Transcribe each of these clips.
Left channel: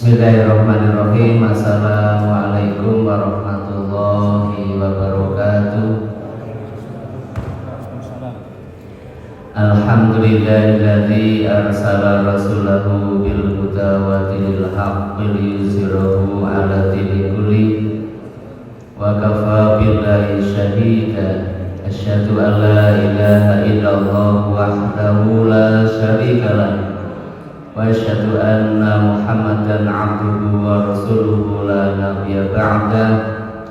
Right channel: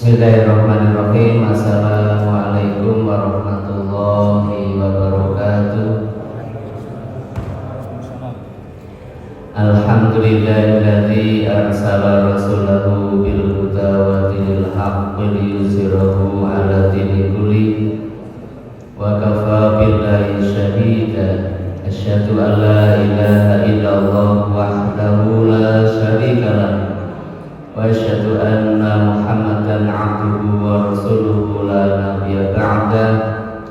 Bismillahirrahmanirrahim. Assalamualaikum warahmatullahi wabarakatuh. Alhamdulillahilladzi arsala rasulahu bil huda wa dinil haqqi liyuzhirahu 'ala dini kulli wa kafa billahi shahida. Asyhadu an la ilaha illallah wahdahu la syarika lah wa asyhadu anna Muhammadan 'abduhu wa rasuluhu la nabiyya ba'da.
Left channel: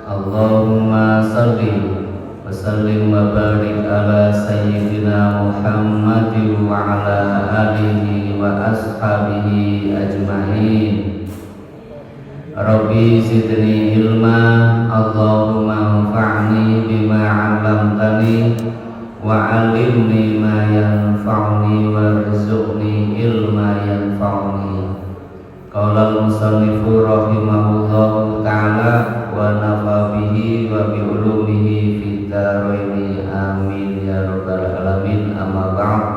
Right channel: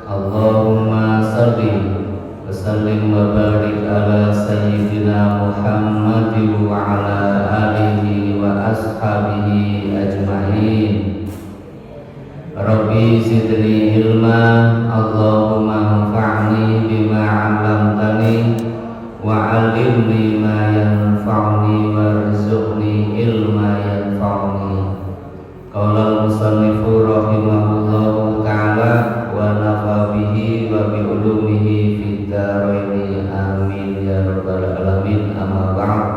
Allahumma shalli wa sallim wa barik ala sayyidina Muhammadin wa ala alihi wa ashabihi ajma'in. Rabbi zidni ilma, Allahumma anfa'ni bima 'allamtani wa 'allimni ma yanfa'uni warzuqni ilma yanfa'uni. Qala al-musannifu rahimahullahu ta'ala wa nafa bihi wa bi ulumihi fid dharaini amin ya rabbal alamin. Amma ba'd.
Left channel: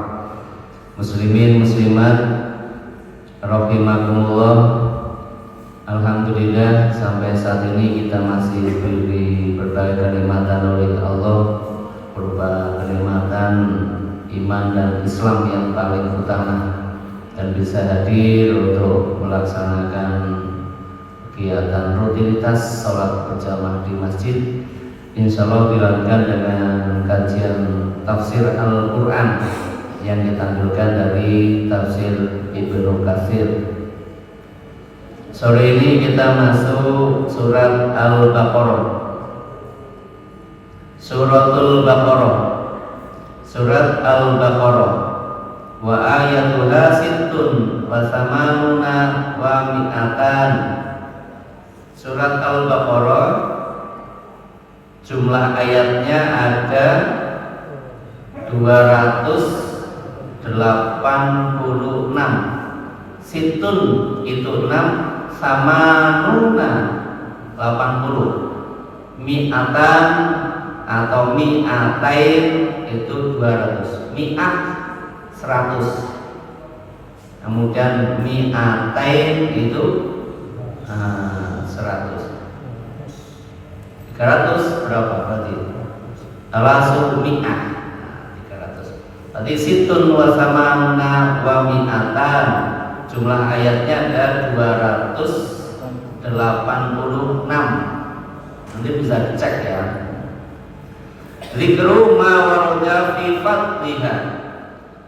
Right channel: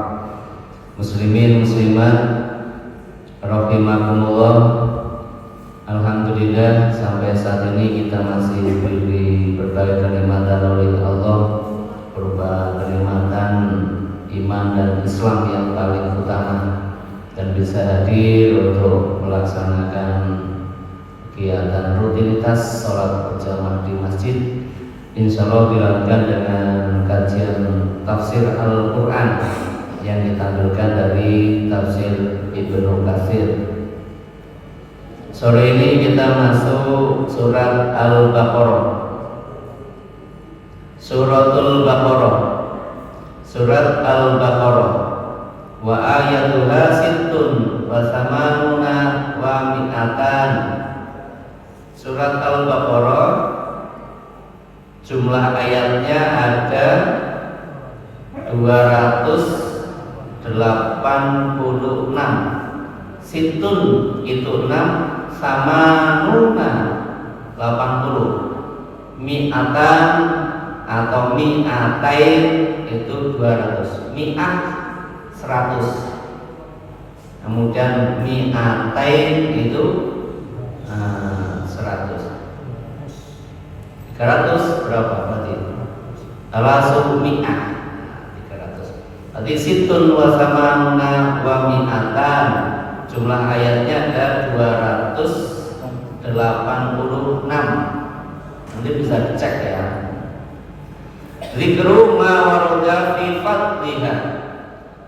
Muslimin muslimat rahimakumullah. Alhamdulillah sampai saat ini kita masih diberi berbagai kenikmatan oleh Allah, berupa kenikmatan iman dan Islam yang paling utama, dan bisa hadir untuk melaksanakan kegiatan rutinitas sholat berjamaah di masjid. Insya Allah dilanjutkan dengan kajian tafsir Al-Quran yang ditampilkan dari tafsir Ibnu Katsir. Sore ini kita masuk surat Al-Baqarah, Suratul Baqarah, surat Al-Baqarah. Wa ayatuha sittun wa samanuna wa mi'atan. Surat Al-Baqarah jumlah ayatnya ada 286. Sittun itu 6, samanuna 80, mi'atan atau mi'atain itu 200, mi'at 100, kemudian mi'atain itu 100. 300 berapa berarti? Alasu mi'ah 300. Berarti situn wa samanuna wa mi'atan. Jumlah ayatnya ada 286. Nanti bisa dicek ya. Zikru ma warada fi fadliha.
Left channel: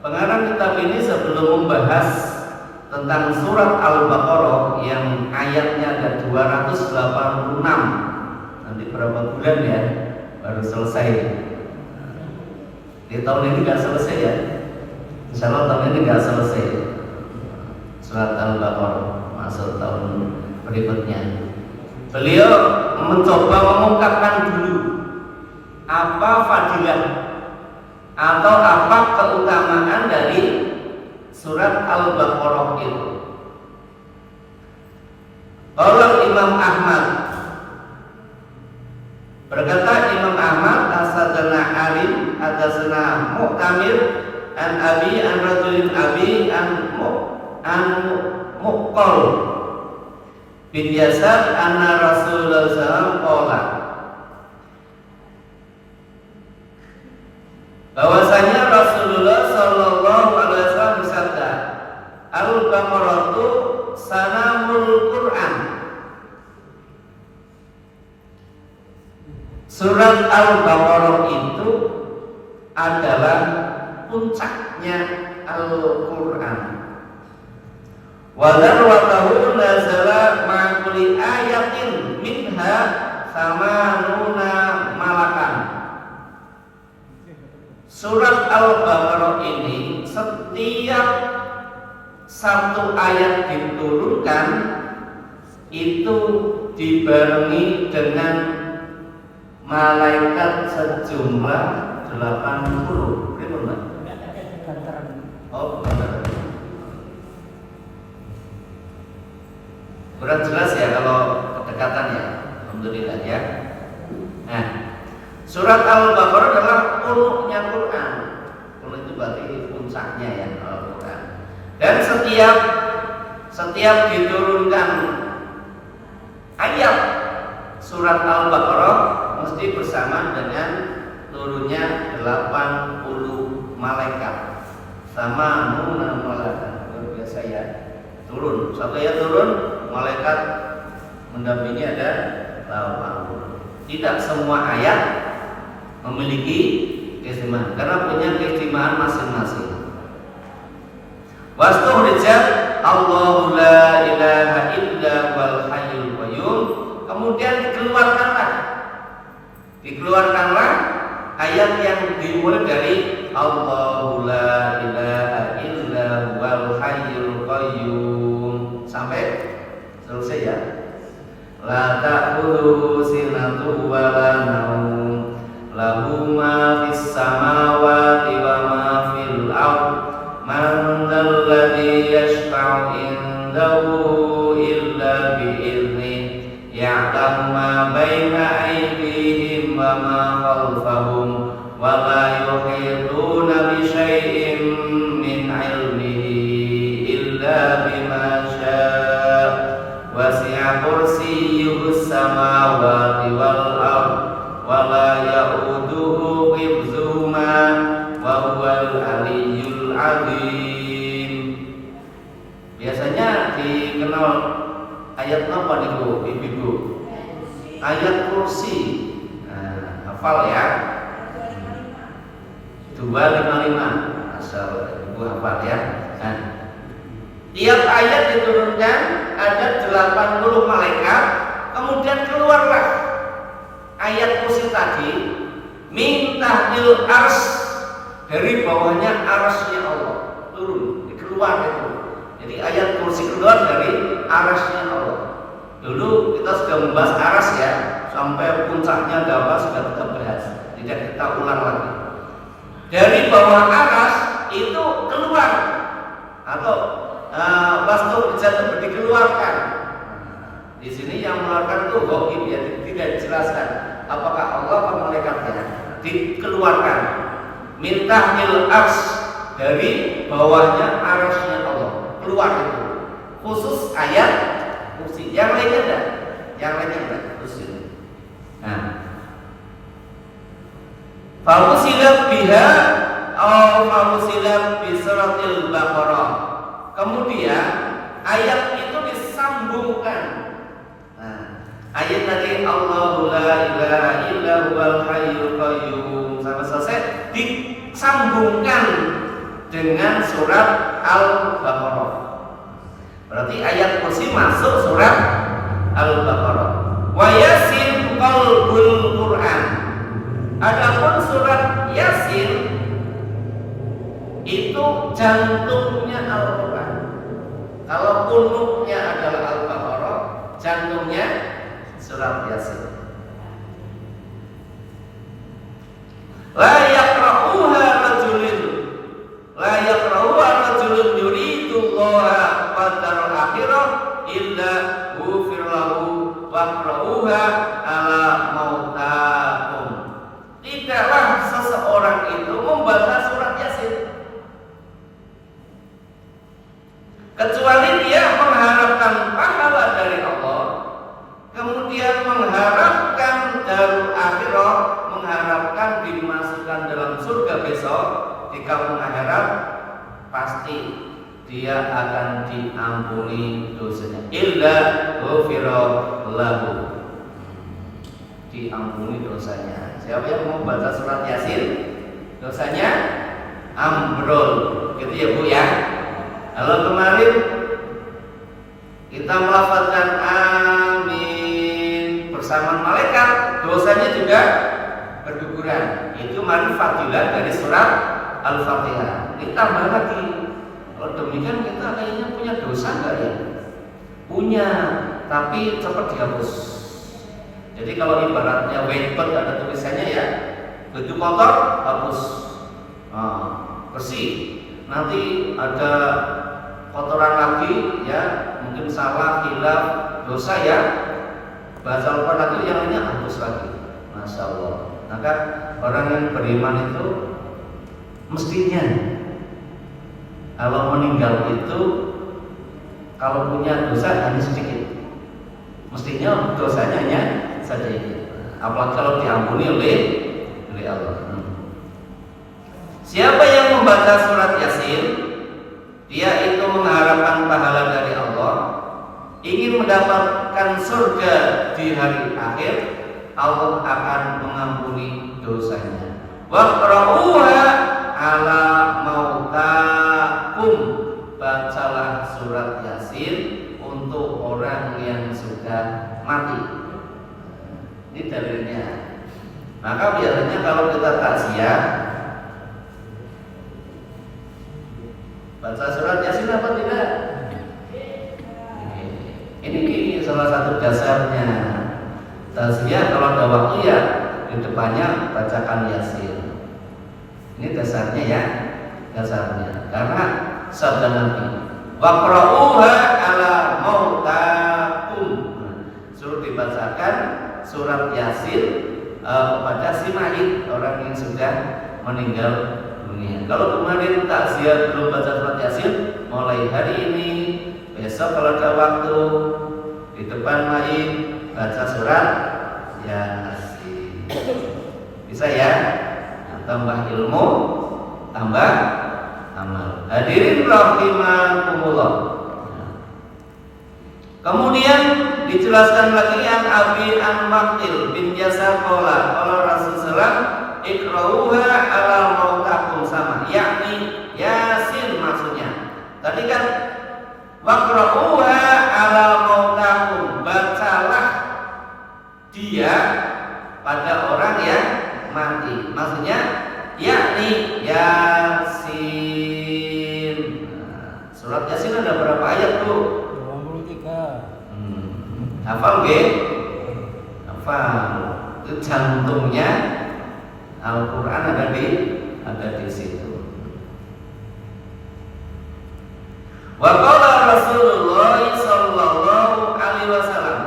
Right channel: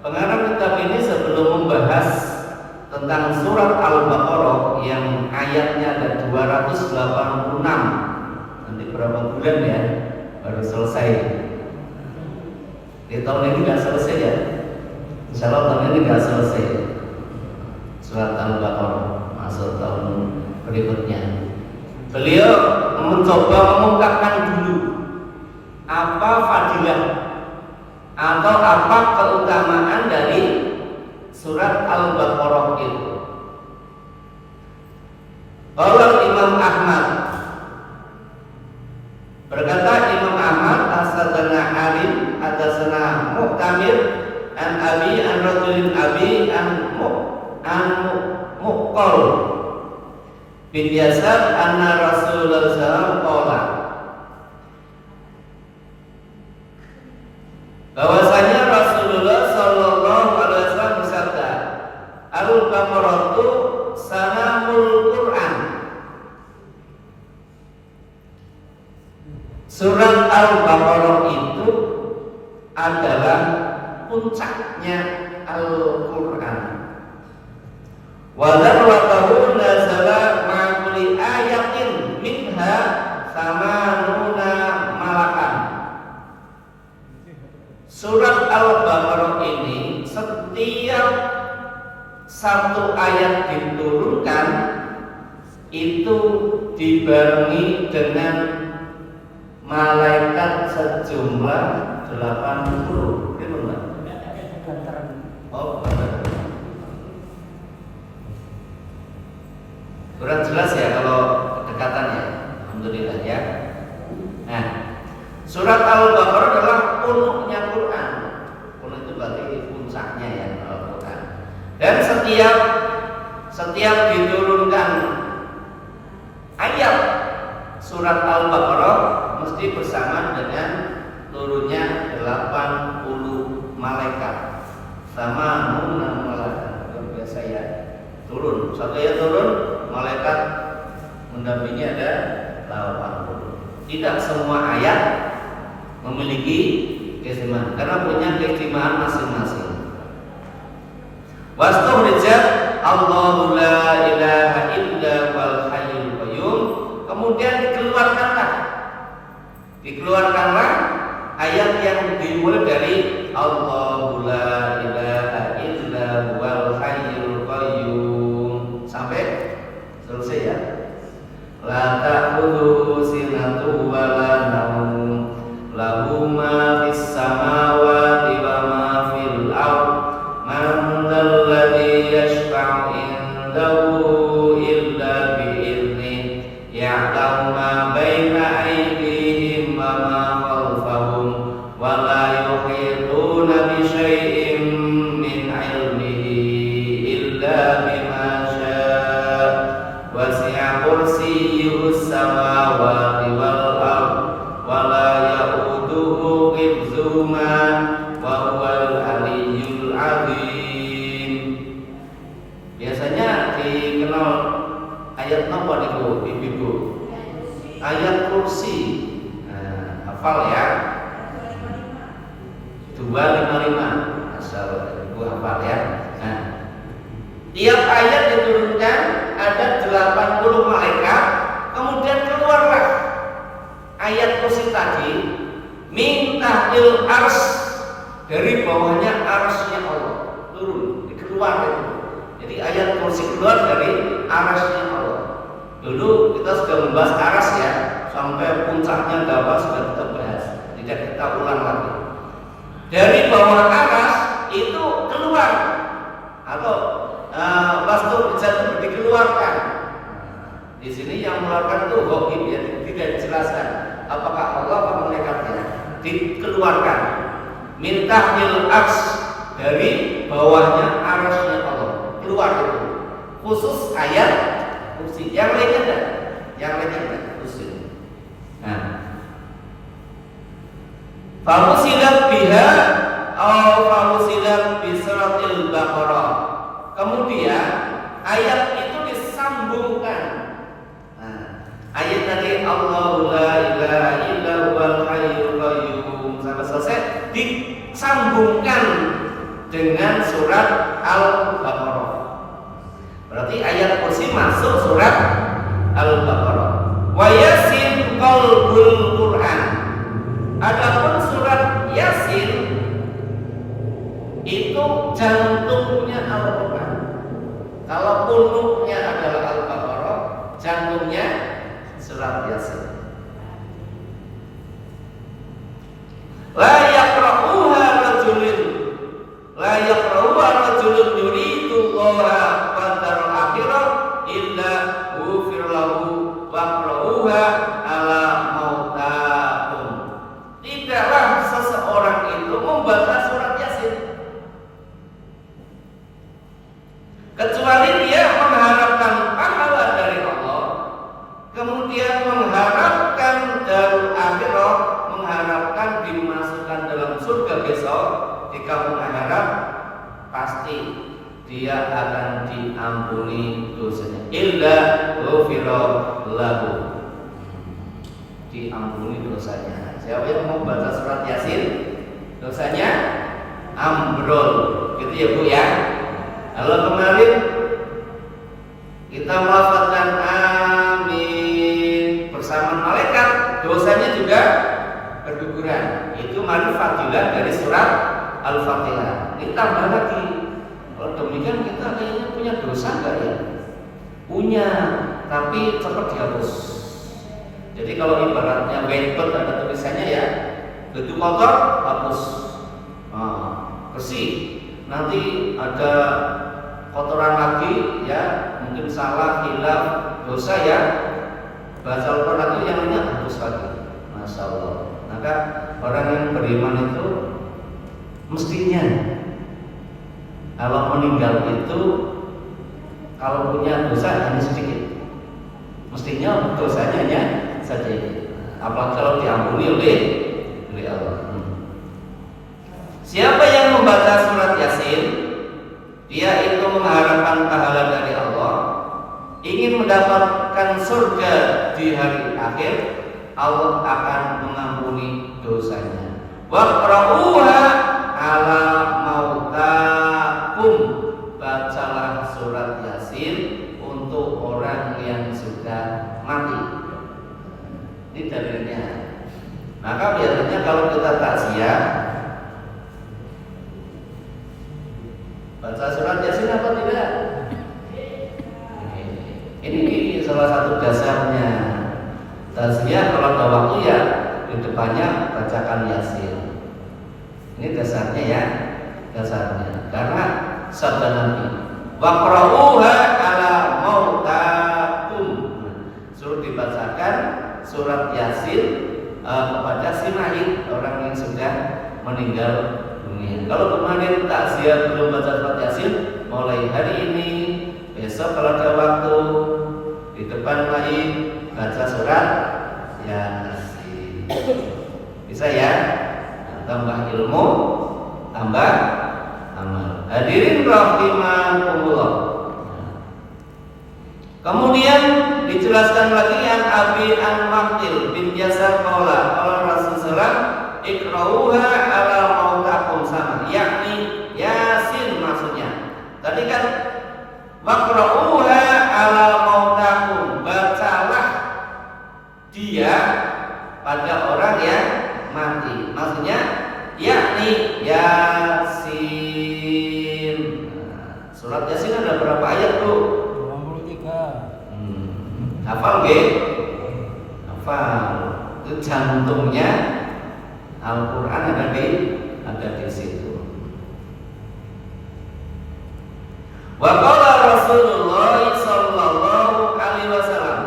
Pengarang kitab ini sebelum membahas tentang surat Al-Baqarah yang ayatnya ada 286. Nanti berapa bulan ya baru selesai. Di tahun ini nggak selesai ya. Insya Allah tahun ini nggak selesai surat Al-Baqarah, masuk tahun berikutnya. Beliau mencoba mengungkapkan dulu apa fadilah atau apa keutamaan dari surat Al-Baqarah itu. Qala Imam Ahmad, berkata Imam Ahmad, As-Sadana Alim, Hadasana Mu'tamir, An Abi, An Rajulin Abi, An Muqal bin Yasar, Anna Rasulullah SAW qala, bahwasanya Rasulullah Sallallahu Alaihi Wasallam bersabda, Al-Baqarah itu sanamul Quran. Surat Al-Baqarah itu adalah puncaknya Al-Quran. Wa darwatahu nazala ma kulli ayatin minha samanuna malakan. Surat Al-Baqarah ini setiap satu ayat diturunkan itu dibarengi dengan malaikat sejumlah 80. Betul enggak? Oh, benar. Kurang jelas ya kalau kedekatannya. Alhamdulillah ya. Nah, surat Al-Baqarah adalah uluknya Quran. Uluk itu berarti puncaknya ya Al-Quran. Dan setiap setiap diturunkan ayat surat Al-Baqarah mesti bersama dengan turunnya 80 malaikat. Sama malaikat biasa ya. Turun, satu ayat turun, malaikat mendampingi ada 80. Tidak semua ayat memiliki keistimewaan karena punya keistimewaan masing-masing. Wastuhrijat Allahu la ilaha illa wal hayyul qayyum. Kemudian dikeluarkanlah ayat yang dimulai dari Allahu la ilaha illa wal hayyul qayyum sampai selesai ya. La ta'khudhuhu sinatun wa la nawm lahu ma fis samawati wa ma fil ard man dzal ladzi yashfa'u indahu illa bi idzni ya'lamu ma baina aydihim wa ma khalfahum wa la yuhituna bi syai'in min 'ilmihi illa bima syaa wasi'a kursiyyuhus samawati wal ard wa la ya'uduhu hifdzuhuma wa huwal 'aliyyul 'azim. Biasanya dikenal ayat apa niku ibu-ibu? Ayat kursi. Nah, hafal ya. 255. Asal ibu hafal ya. Nah, tiap ayat diturunkan ada 80 malaikat, kemudian keluarlah ayat kursi tadi min tahdil ars, dari bawahnya arsnya Allah turun, dikeluar itu. Jadi ayat kursi keluar dari arsnya Allah. Dulu kita sudah membahas aras ya, sampai puncaknya dapat sudah kita bahas, tidak kita ulang lagi. Dari bawah aras itu keluar atau wastuhrijat dikeluarkan. Di sini yang mengeluarkan itu ghaib ya, tidak dijelaskan apakah Allah atau malaikatnya. Dikeluarkan min tahdil ars, dari bawahnya arasnya Allah keluar itu. Khusus ayat kursi, yang lainnya enggak, yang lainnya enggak khusus. Nah, falusilat biha atau falusilat bi suratil Baqarah. Kemudian ayat itu disambungkan. Nah, ayat tadi Allahu la ilaha illa huwal hayyul qayyum sampai selesai disambungkan dengan surat Al-Baqarah. Berarti ayat kursi masuk surat Al-Baqarah. Wa yasin qalbul Quran. Adapun surat Yasin itu jantungnya Al-Quran. Kalau punuknya adalah Al-Baqarah, jantungnya surat Yasin. La yaqra'uha rajulun yuridu Allaha wad-daral akhirah illa ghufir lahu waqra'uha ala mautakum. Tidaklah seseorang itu membaca surat Yasin kecuali dia mengharapkan pahala dari Allah, kemudian mengharapkan darul akhirah, mengharapkan dimasukkan dalam surga besok di kampung akhirat, pasti dia akan diampuni dosanya. Illa ghufira lahu, diampuni dosanya. Siapa yang mau baca surat Yasin, dosanya ambrol, gitu ya Bu ya. Kalau kemarin kita melafazkan amin bersama malaikat, dosanya juga berguguran. Itu fadilah dari surat Al-Fatihah. Ini tambah lagi. Kalau demikian kita kayaknya punya dosa enggak ya? Punya, tapi cepat dihapus. Jadi kalau ibaratnya whiteboard ada tulisannya ya, begitu kotor hapus, bersih. Nanti ada kotoran lagi ya, mungkin salah, hilaf, dosa ya, baca Al-Quran lagi, yang lainnya hapus lagi. Masya Allah. Maka orang yang beriman itu mestinya kalau meninggal itu Kalau punya dosa hanya sedikit, mestinya dosanya hanya sedikit. Apalagi kalau diampuni oleh Allah. Siapa yang membaca surat Yasin, dia itu mengharapkan pahala dari Allah, ingin mendapatkan surga di hari akhir, Allah akan mengampuni dosanya. Waqra'uha ala mautakum, bacalah surat Yasin untuk orang yang sudah mati. Ini dalilnya. Maka biasanya kalau kita takziah baca surat Yasin apa tidak? Ini salah satu dasarnya. Takziah kalau ada waktu ya di depannya bacakan Yasin. Ini dasarnya ya, dasarnya. Karena sabda Nabi, waqra'uha ala mautakum, suruh dibacakan surat Yasin kepada si mayit, orang yang sudah meninggal dunia. Kalau kemarin takziah belum baca surat Yasin, mulai hari ini, besok kalau ada waktu di depan mayit baca surat Yasin. Bisa ya? Nah, tambah ilmu, tambah amal. Hadirin rahimakumullah. Kemudian dijelaskan lagi yang Abi an Waqil bin Yasar qala Rasul sallallahu ikrauha ala mautakum, sama, yakni Yasin maksudnya. Tadi kan waqra'uha ala mautakum, bacalah dia pada orang yang mati. Maksudnya yakni Yasin. Surat Yasin ada berapa ayat tuh? 23. Hafal nggih? Hafal. Itu jantungnya Al-Qur'an ada di situ. Wa qala Rasulullah sallallahu alaihi wasallam,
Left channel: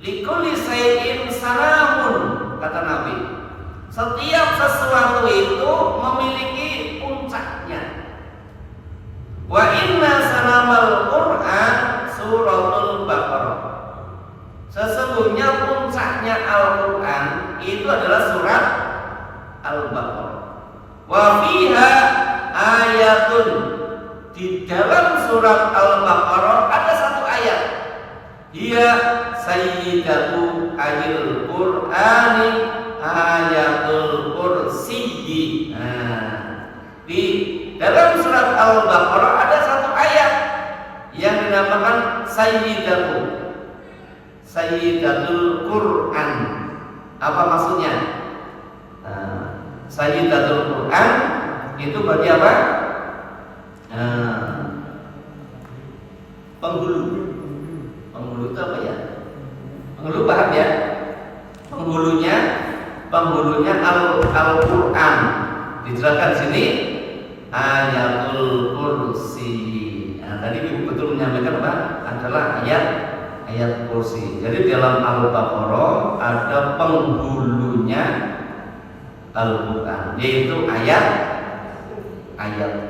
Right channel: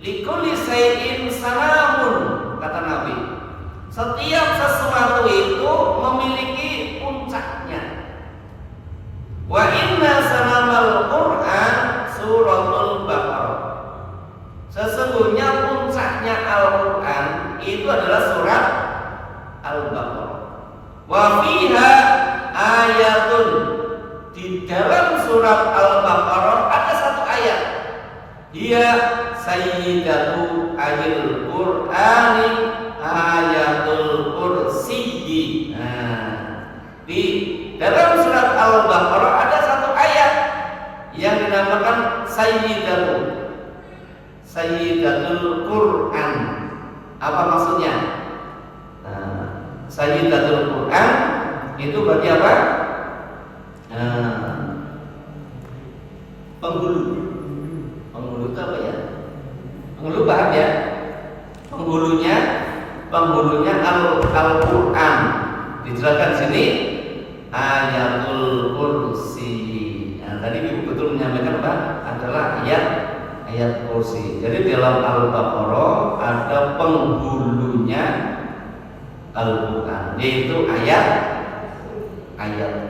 likulli shay'in salamun, kata Nabi. Setiap sesuatu itu memiliki puncaknya. Wa inna salamal Qur'an suratul Baqarah. Sesungguhnya puncaknya Al-Qur'an itu adalah surat Al-Baqarah. Wa fiha ayatun, di dalam surat Al-Baqarah ada satu ayat. Dia sayyidatu ayil Qur'ani ayatul kursi. Di dalam surat Al-Baqarah ada satu ayat yang dinamakan Sayyidatul Qur'an. Apa maksudnya? Sayyidatul Qur'an itu berarti apa? Penghulu itu apa ya? Penghulu paham ya? Penghulunya Al-Qur'an. Dijelaskan sini ayatul kursi. Nah, tadi Ibu betul menyampaikan apa? Adalah ayat kursi. Jadi dalam Al-Baqarah ada penghulunya Al-Qur'an, yaitu ayat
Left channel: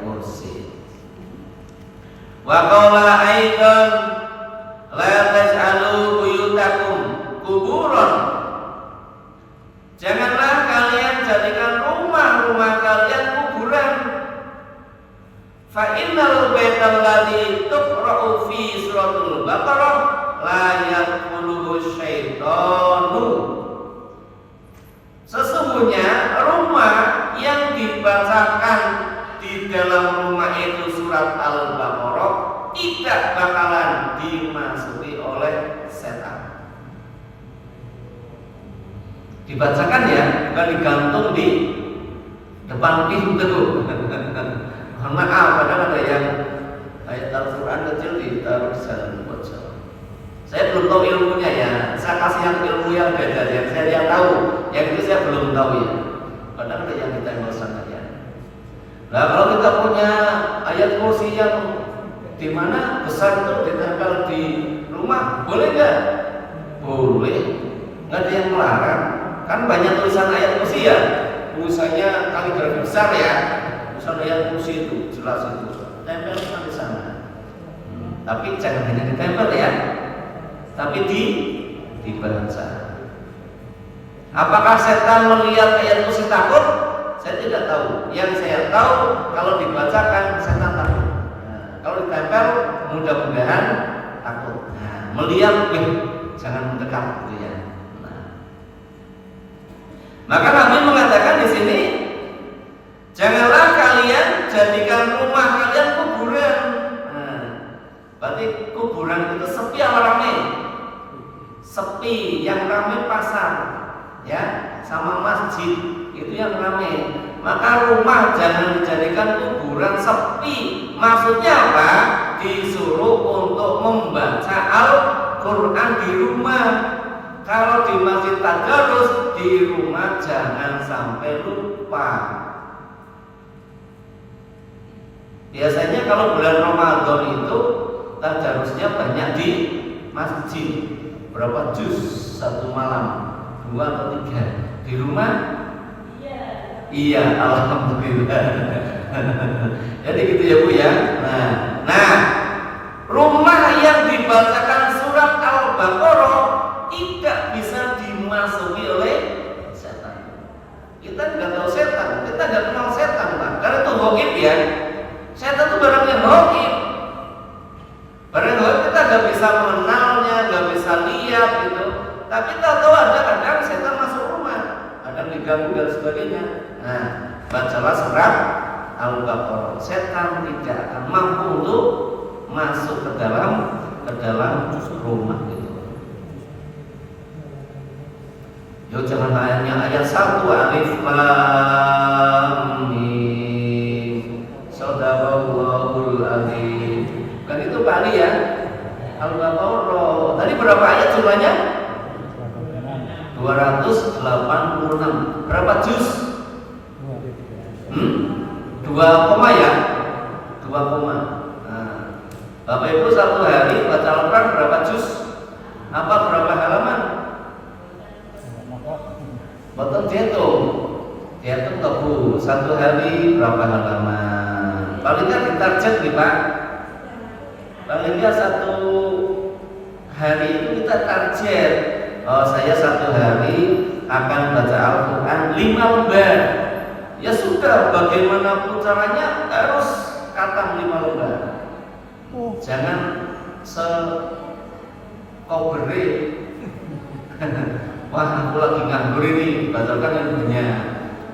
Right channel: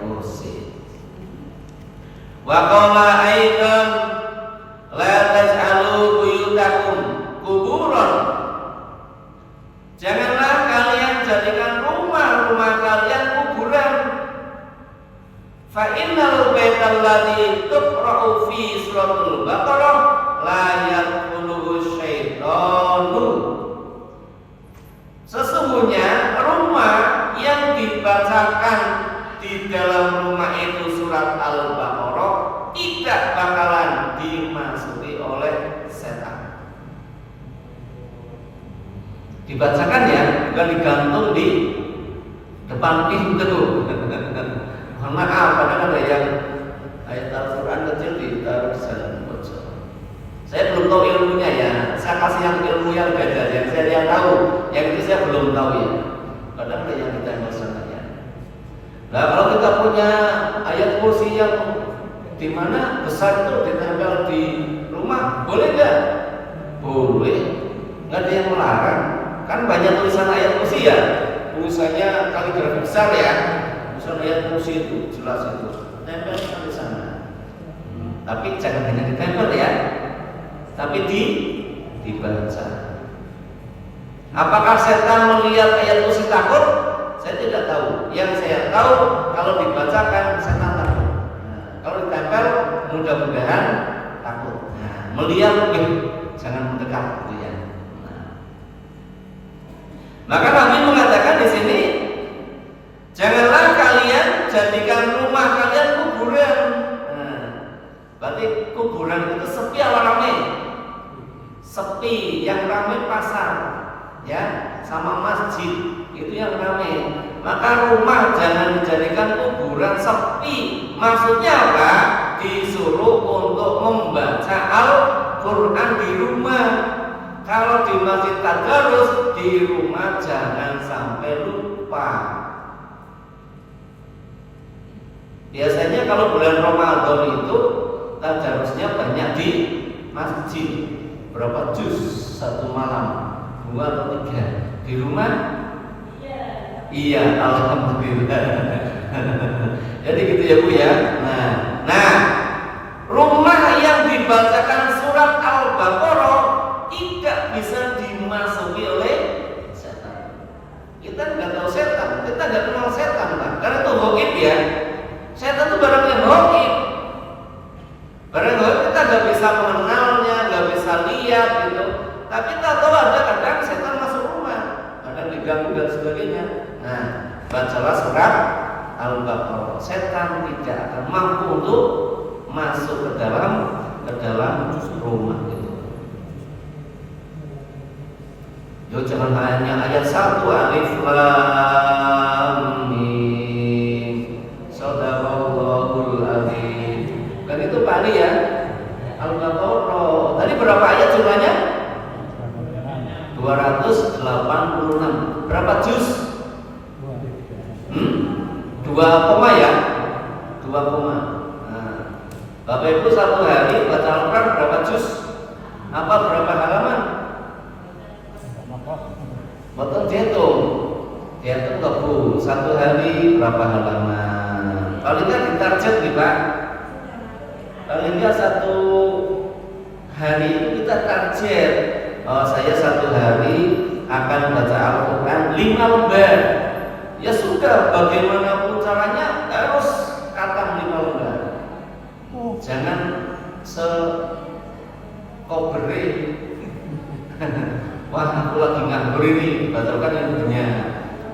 kursi. Wa qala aidan la taj'alu buyutakum kuburan. Janganlah kalian jadikan rumah-rumah kalian kuburan. Fa innal baital ladzi tuqra'u fi suratul Baqarah la yadkhuluhu syaitanu. Sesungguhnya rumah yang dibacakan di dalam rumah itu surat Al-Baqarah tidak bakalan dimasuki oleh setan. Dibacakan ya, bukan digantung di depan pintu. Mohon maaf, kadang ada yang ayat Al-Quran kecil ditaruh di dalam pojok. Saya belum tahu ilmunya ya. Saya kasih yang ilmu yang beda, yang saya tahu, yang itu saya belum tahu ya. Kadang ada yang kita maksudkan ya. Nah, kalau kita punya ayat kursi yang di mana besar itu ditempel di rumah, boleh nggak? Boleh, nggak ada yang melarang. Kan banyak tulisan ayat kursi ya, tulisannya kaligrafi besar ya, tulisan ayat kursi itu jelas itu, tempel di sana. Tapi jangan hanya ditempel ya, tapi dibaca. Apakah setan melihat ayat kursi takut? Saya tidak tahu. Yang saya tahu kalau dibacakan setan takut. Kalau ditempel mudah-mudahan takut. Melihat, jangan mendekat gitu ya. Maka Nabi mengatakan di sini, janganlah kalian jadikan rumah kalian kuburan. Berarti kuburan itu sepi apa ramai? Sepi, yang ramai pasar, ya, sama masjid itu yang ramai. Maka rumah jangan dijadikan kuburan, sepi. Maksudnya apa? Disuruh untuk membaca Al-Quran di rumah. Kalau di masjid tadarus, di rumah jangan sampai lupa. Biasanya kalau bulan Ramadan itu tadarusnya banyak di masjid. Berapa juz satu malam? 2 atau 3. Di rumah? Iya, alhamdulillah. Jadi gitu ya Bu ya. Nah, rumah yang dibacakan surat Al-Baqarah tidak bisa dimasuki oleh setan. Kita nggak tahu setan, kita nggak kenal setan kan? Karena itu ghaib ya. Setan itu barang yang ghaib. Barang ghaib kita nggak bisa mengenalnya, nggak bisa lihat gitu. Tapi kita tahu ada kadang setan masuk rumah, kadang diganggu dan sebagainya. Nah, bacalah surat Al-Baqarah. Setan tidak akan mampu untuk masuk ke dalam rumah gitu. Yo jangan hanya ayat 1 alif lam mim. Shadaqallahul azim. Kan itu Pak Ali ya. Al-Baqarah. Tadi berapa ayat jumlahnya? 286. Berapa juz? 2 koma ya? 2 koma. Nah, Bapak Ibu satu hari baca Al-Quran berapa juz? Apa berapa halaman? Betul dihitung nggak Bu? Satu hari berapa halaman? Paling nggak ditarget nih Pak. Paling nggak satu hari itu kita target. Oh, saya satu hari akan baca Al-Quran 5 lembar. Ya sudah, bagaimanapun caranya harus khatam 5 lembar. Jangan sekobere. Wah, aku lagi nganggur ini, batalkan yang banyak.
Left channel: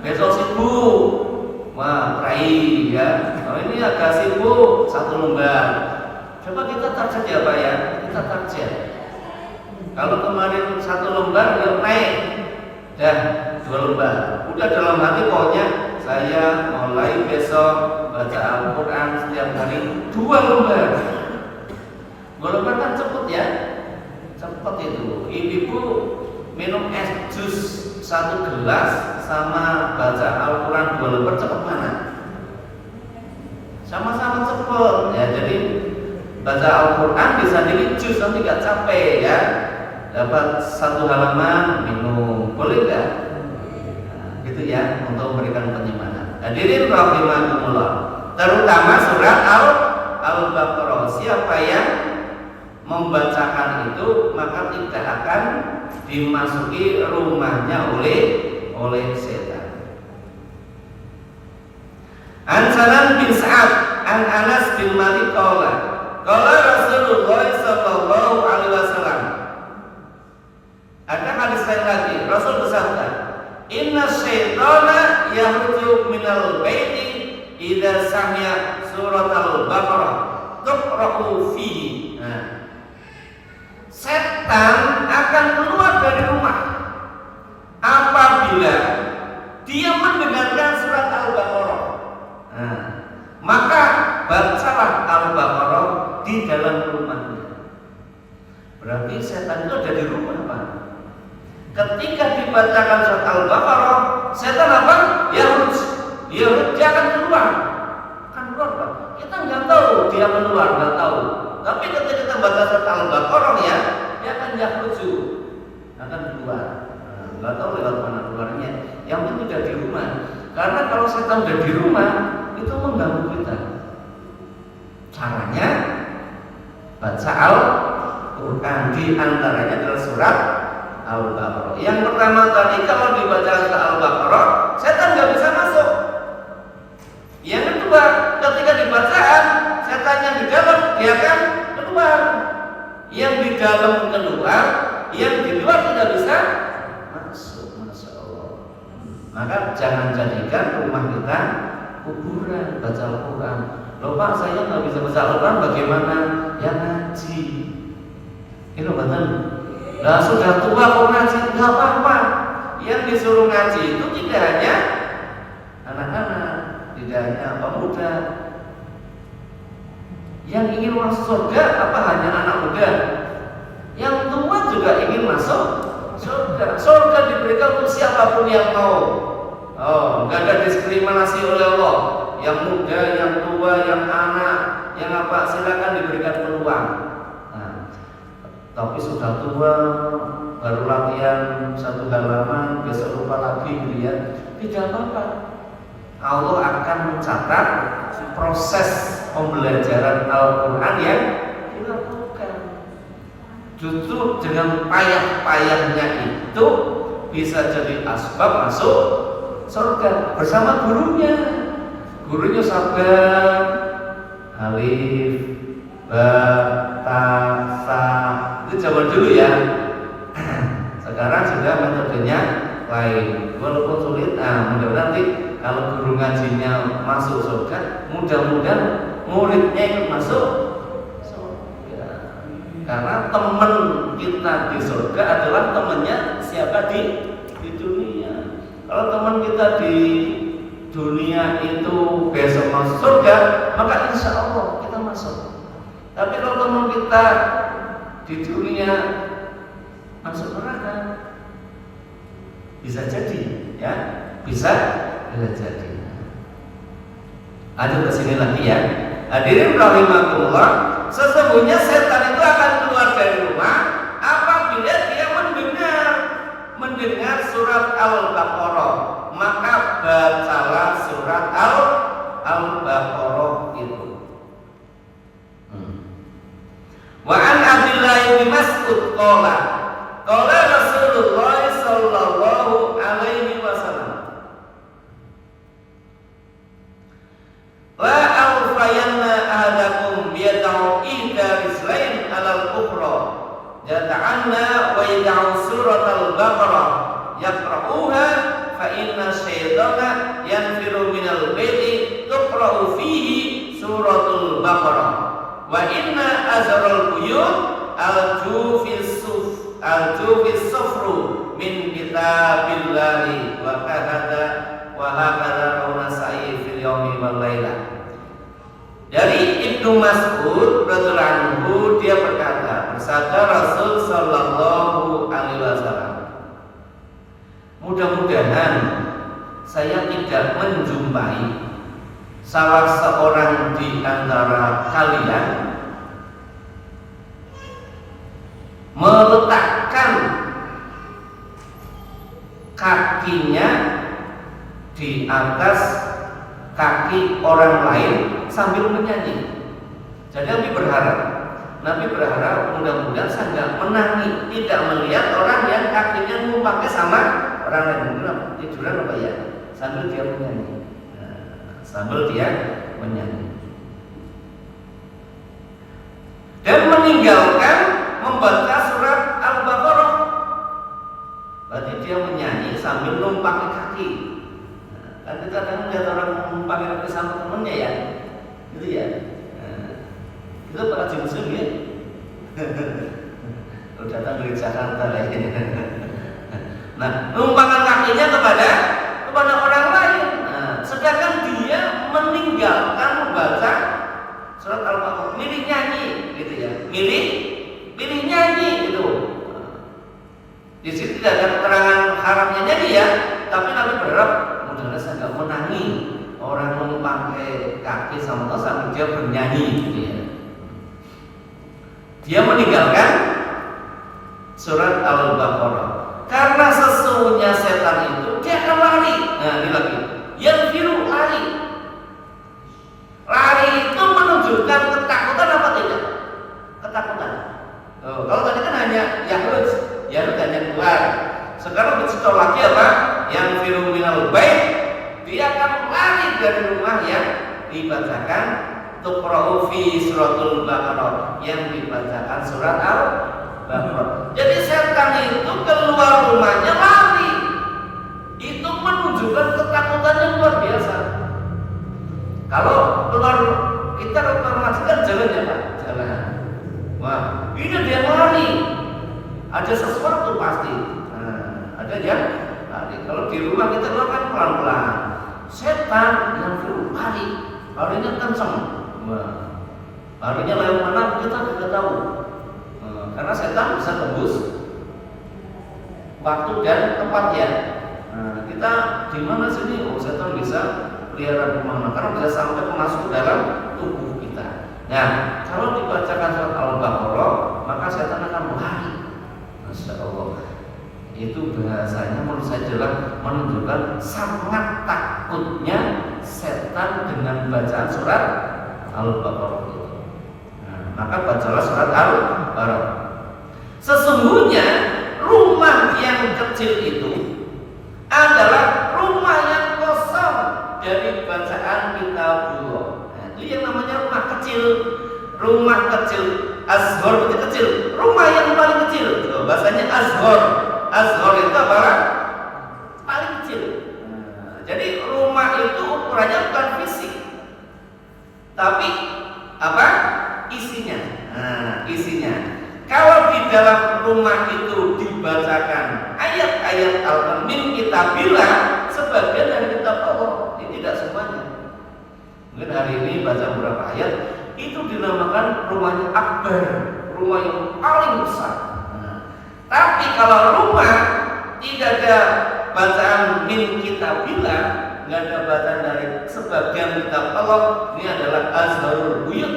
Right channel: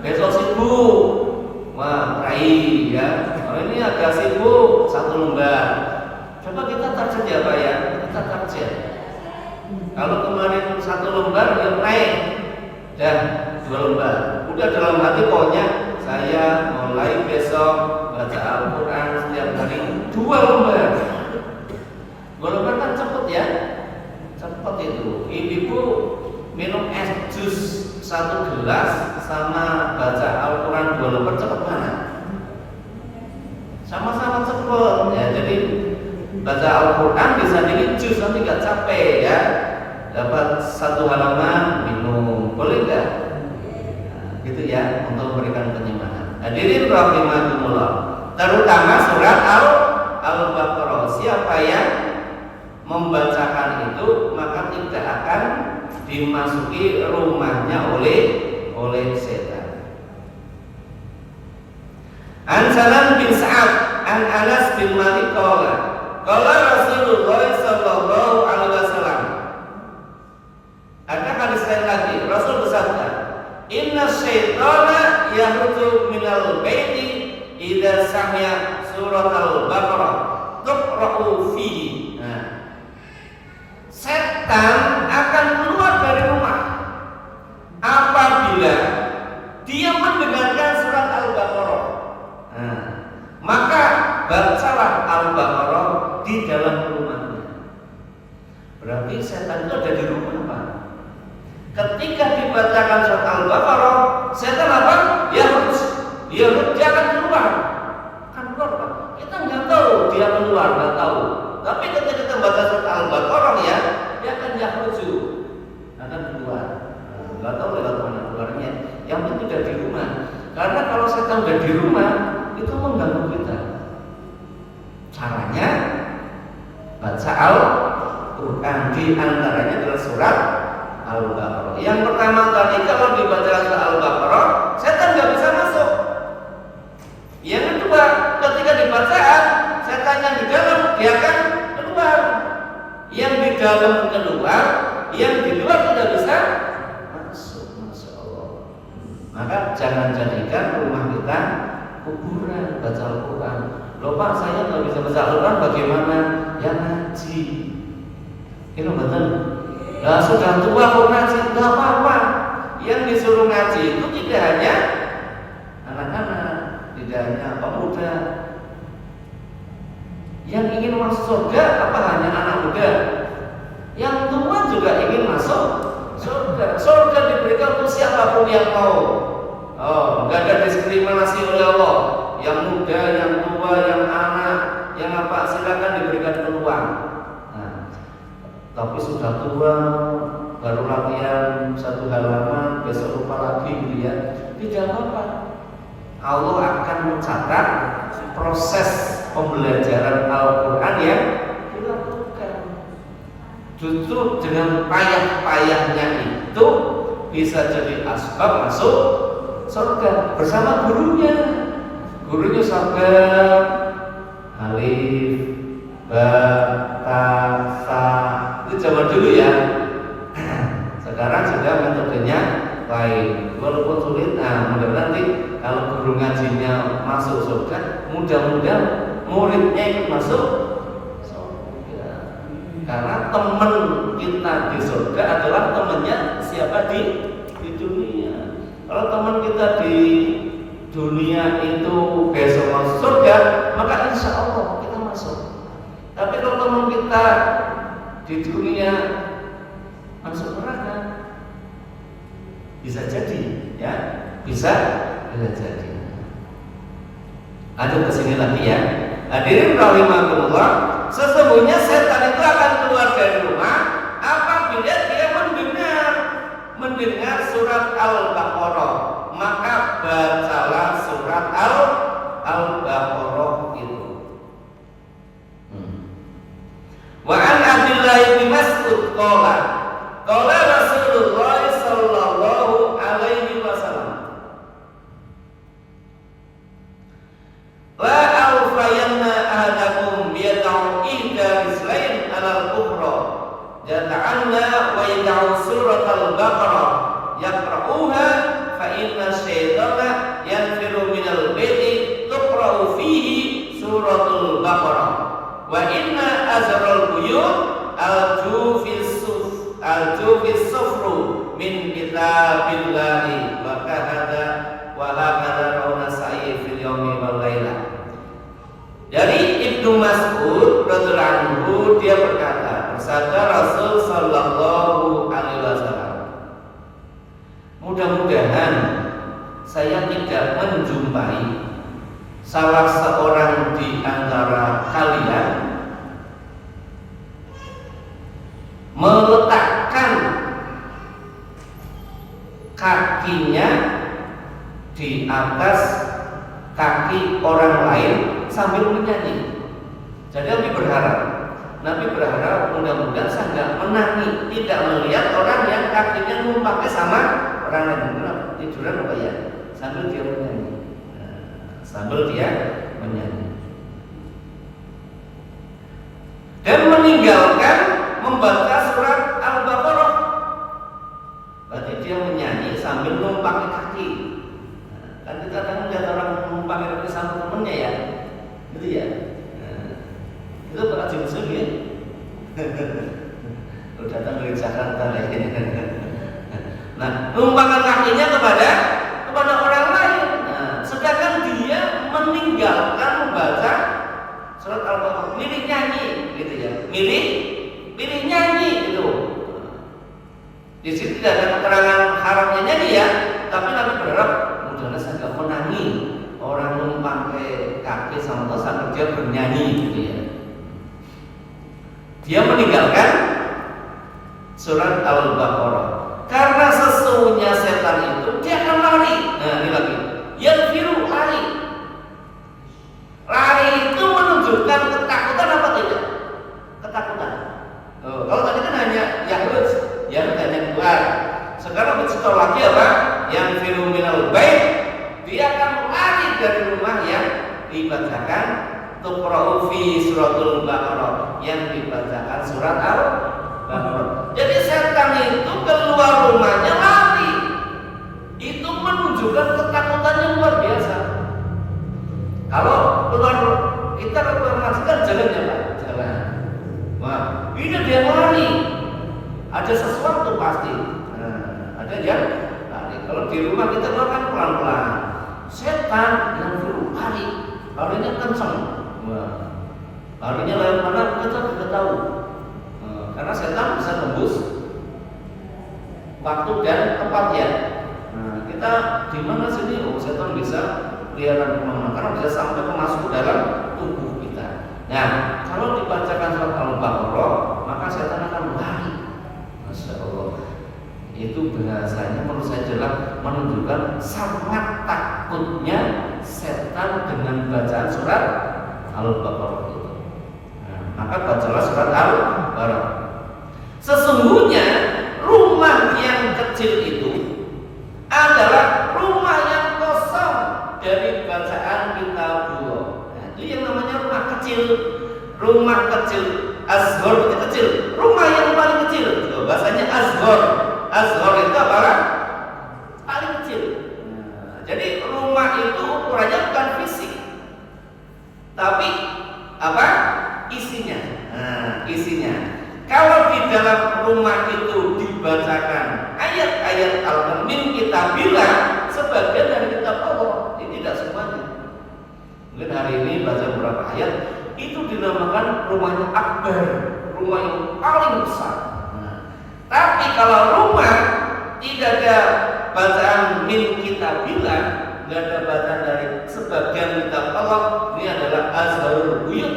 Besok sibuk. Wah, kai ya. Oh, ini agak sibuk 1 lembar. Coba kita target ya Pak ya. Kita target. Kalau kemarin 1 lembar yang naik, dan 2 lembar. Udah dalam hati pokoknya saya mulai besok baca Al-Quran setiap hari 2 lembar. 2 lembar kan cepet ya, cepet itu. Ibu minum es jus 1 gelas sama baca Al-Quran 2 lembar cepet mana? Sama-sama cepet ya. Jadi baca Al-Quran disandingin jus nanti gak capek ya. Dapat 1 halaman minum, boleh nggak? Nah, gitu ya, untuk memberikan penyimpanan. Hadirin rahimakumullah. Terutama surat Al-Baqarah. Siapa yang membacakan itu maka tidak akan dimasuki rumahnya oleh setan. An Salam bin Sa'ad an Anas bin Malik qala Rasulullah sallallahu alaihi wasallam. Ada hadis lain lagi, Rasul bersabda, "Inna syaitana yakhruju minal baiti idza sami'a surat Al-Baqarah tuqra'u fihi." Nah, setan akan keluar dari rumah apabila dia mendengarkan surat Al-Baqarah. Nah, maka bacalah Al-Baqarah di dalam rumahnya. Berarti setan itu ada di rumah Pak. Ketika dibacakan surat Al-Baqarah, setan apa? Dia akan keluar. Kan keluar Pak. Kita nggak tahu dia keluar, nggak tahu. Tapi ketika kita baca surat Al-Baqarah ya, dia akan yakhruju, akan keluar. Nggak tahu lewat mana keluarnya. Yang penting udah di rumah. Karena kalau setan udah di rumah, itu mengganggu kita. Caranya baca Al-Quran, di antaranya adalah surat Al-Baqarah. Yang pertama tadi, kalau dibaca surat Al-Baqarah, setan nggak bisa masuk. Yang kedua, ketika dibacaan, setan yang di dalam dia akan keluar. Yang di dalam keluar, yang di luar tidak bisa masuk. Masya Allah. Maka jangan jadikan rumah kita kuburan baca Al-Quran. Loh Pak, saya nggak bisa baca Al-Quran, bagaimana? Ya ngaji. Itu betul. Nah sudah tua kok ngaji, nggak apa-apa. Yang disuruh ngaji itu tidak hanya anak-anak, tidak hanya pemuda. Yang ingin masuk surga apa hanya anak muda? Yang tua juga ingin masuk surga. Surga diberikan untuk siapapun yang mau. Oh, nggak ada diskriminasi oleh Allah. Yang muda, yang tua, yang anak, yang apa, silakan diberikan peluang. Nah, tapi sudah tua, baru latihan satu halaman, besok lupa lagi gitu ya. Tidak apa-apa. Allah akan mencatat proses pembelajaran Al-Quran yang dilakukan. Justru dengan payah-payahnya itu bisa jadi asbab masuk surga bersama gurunya. Gurunya sabar, alif, ba, ta, sa. Itu zaman dulu ya. Sekarang sudah metodenya lain. Walaupun sulit, mudah-mudahan nanti kalau guru ngajinya masuk surga, mudah-mudahan muridnya ikut masuk surga. Karena teman kita di surga adalah temannya siapa di dunia. Kalau teman kita di dunia itu besok masuk surga, maka insya Allah kita masuk. Tapi kalau teman kita di dunia masuk neraka, bisa jadi, ya, bisa jadi. Ada kesini lagi ya. Hadirin rahimakumullah, sesungguhnya setan itu akan keluar dari rumah apabila dia mendengar surat Al-Baqarah. Maka bacalah surat Al-Baqarah itu. Wa an Abdullah bin Mas'ud qala Rasulullah sallallahu alaihi wasallam la alfayanna ahadakum yad'u ihda rislain 'alal ukhra jata'anna wa yad'u surat Al-Baqarah yaqra'uha fa inna syaitana yanfiru minal baiti tuqra'u fihi suratul Baqarah wa inna azral buyut al-jufis sufru min kitabillahi wa hakadha qaula sa'i fil yaumi wal laila. Dari Ibnu Mas'ud radhiyallahu anhu, dia berkata, bersabda Rasul sallallahu alaihi wasallam, mudah-mudahan saya tidak menjumpai salah seorang di antara kalian meletakkan kakinya di atas kaki orang lain sambil menyanyi. Jadi Nabi berharap mudah-mudahan saya tidak menangi, tidak melihat orang yang kakinya numpaknya sama orang lain. Tiduran apa ya? Sambil dia menyanyi. Dan meninggalkan membaca surat Al-Baqarah. Berarti dia menyanyi sambil numpaki kaki. Kan kita kadang lihat orang numpaki kaki sama temennya ya, gitu ya. Itu bakal musuh ya. Kalau datang dari Jakarta lain. Nah, numpangkan kakinya kepada orang lain. Nah, sedangkan dia meninggalkan membaca surat Al-Baqarah, milih nyanyi, gitu ya. Milih nyanyi itu. Di sini tidak ada keterangan haramnya nyanyi ya, tapi Nabi berharap mudah-mudahan saya nggak menangi orang memakai kaki sambil dia bernyanyi, gitu ya. Dia meninggalkan surat Al-Baqarah karena sesungguhnya setan itu dia akan lari. Nah ini lagi, yang biru lari itu menunjukkan ketakutan apa tidak? tuqra'u fi suratul Baqarah, yang dibacakan surat Al-Baqarah. Jadi setan itu keluar rumahnya lari. Itu menunjukkan ketakutan yang luar biasa. Kalau keluar, kita keluar masjid kan jalannya Pak, jalan. Wah, ini dia lari. Ada sesuatu pasti. Ada yang lari. Kalau di rumah kita kan pelan-pelan. Setan yang dulu lari, larinya kencang. Larinya lari mana kita tidak tahu. Karena setan bisa tembus waktu dan tempat ya. Kita di mana sini? Oh, setan bisa kelihatan kemana? Karena bisa sampai masuk dalam tubuh kita. Nah, kalau dibacakan surat Al-Baqarah, maka setan akan lari. Masya Allah. Itu bahasanya menurut saya adalah menunjukkan sangat takutnya setan dengan bacaan surat Al-Baqarah itu. Maka bacalah surat Al-Baqarah. Sesungguhnya rumah yang kecil itu adalah rumah yang kosong dari bacaan kitabullah. Itu yang namanya rumah kecil. Rumah kecil, azhar itu kecil. Rumah yang paling kecil. Bahasanya azhar. Azhar itu apa? Paling kecil. Jadi rumah itu ukurannya bukan fisik, tapi apa? Isinya. Isinya. Kalau di dalam rumah itu dibacakan ayat-ayat Al-Min kitabillah, sebagian dari kitab Allah, ini tidak semuanya. Mungkin hari ini baca beberapa ayat, itu dinamakan rumahnya akbar, rumah yang paling besar. Tapi kalau rumah tidak ada bacaan min kitabillah, nggak ada bacaan dari sebagian kitab Allah, ini adalah azharul buyut,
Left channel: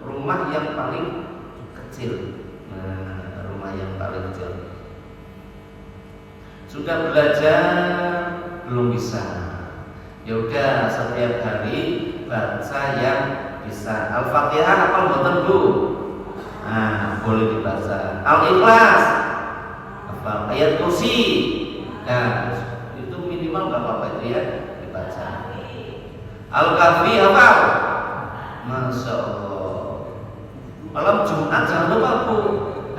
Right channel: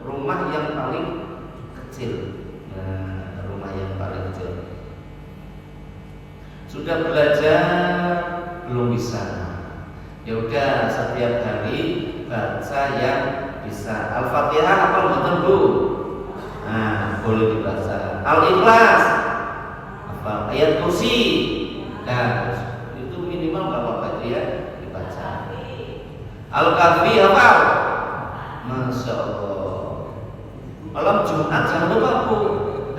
rumah yang paling kecil. Rumah yang paling kecil. Sudah belajar belum bisa? Ya udah, setiap hari baca yang bisa. Al-Fatihah apa betul Bu? Boleh dibaca. Al-Ikhlas, ayat kursi. Nah, itu minimal nggak apa-apa itu ya dibaca. Al-Kahfi apa? Masya Allah. Malam Jumat jangan lupa Bu,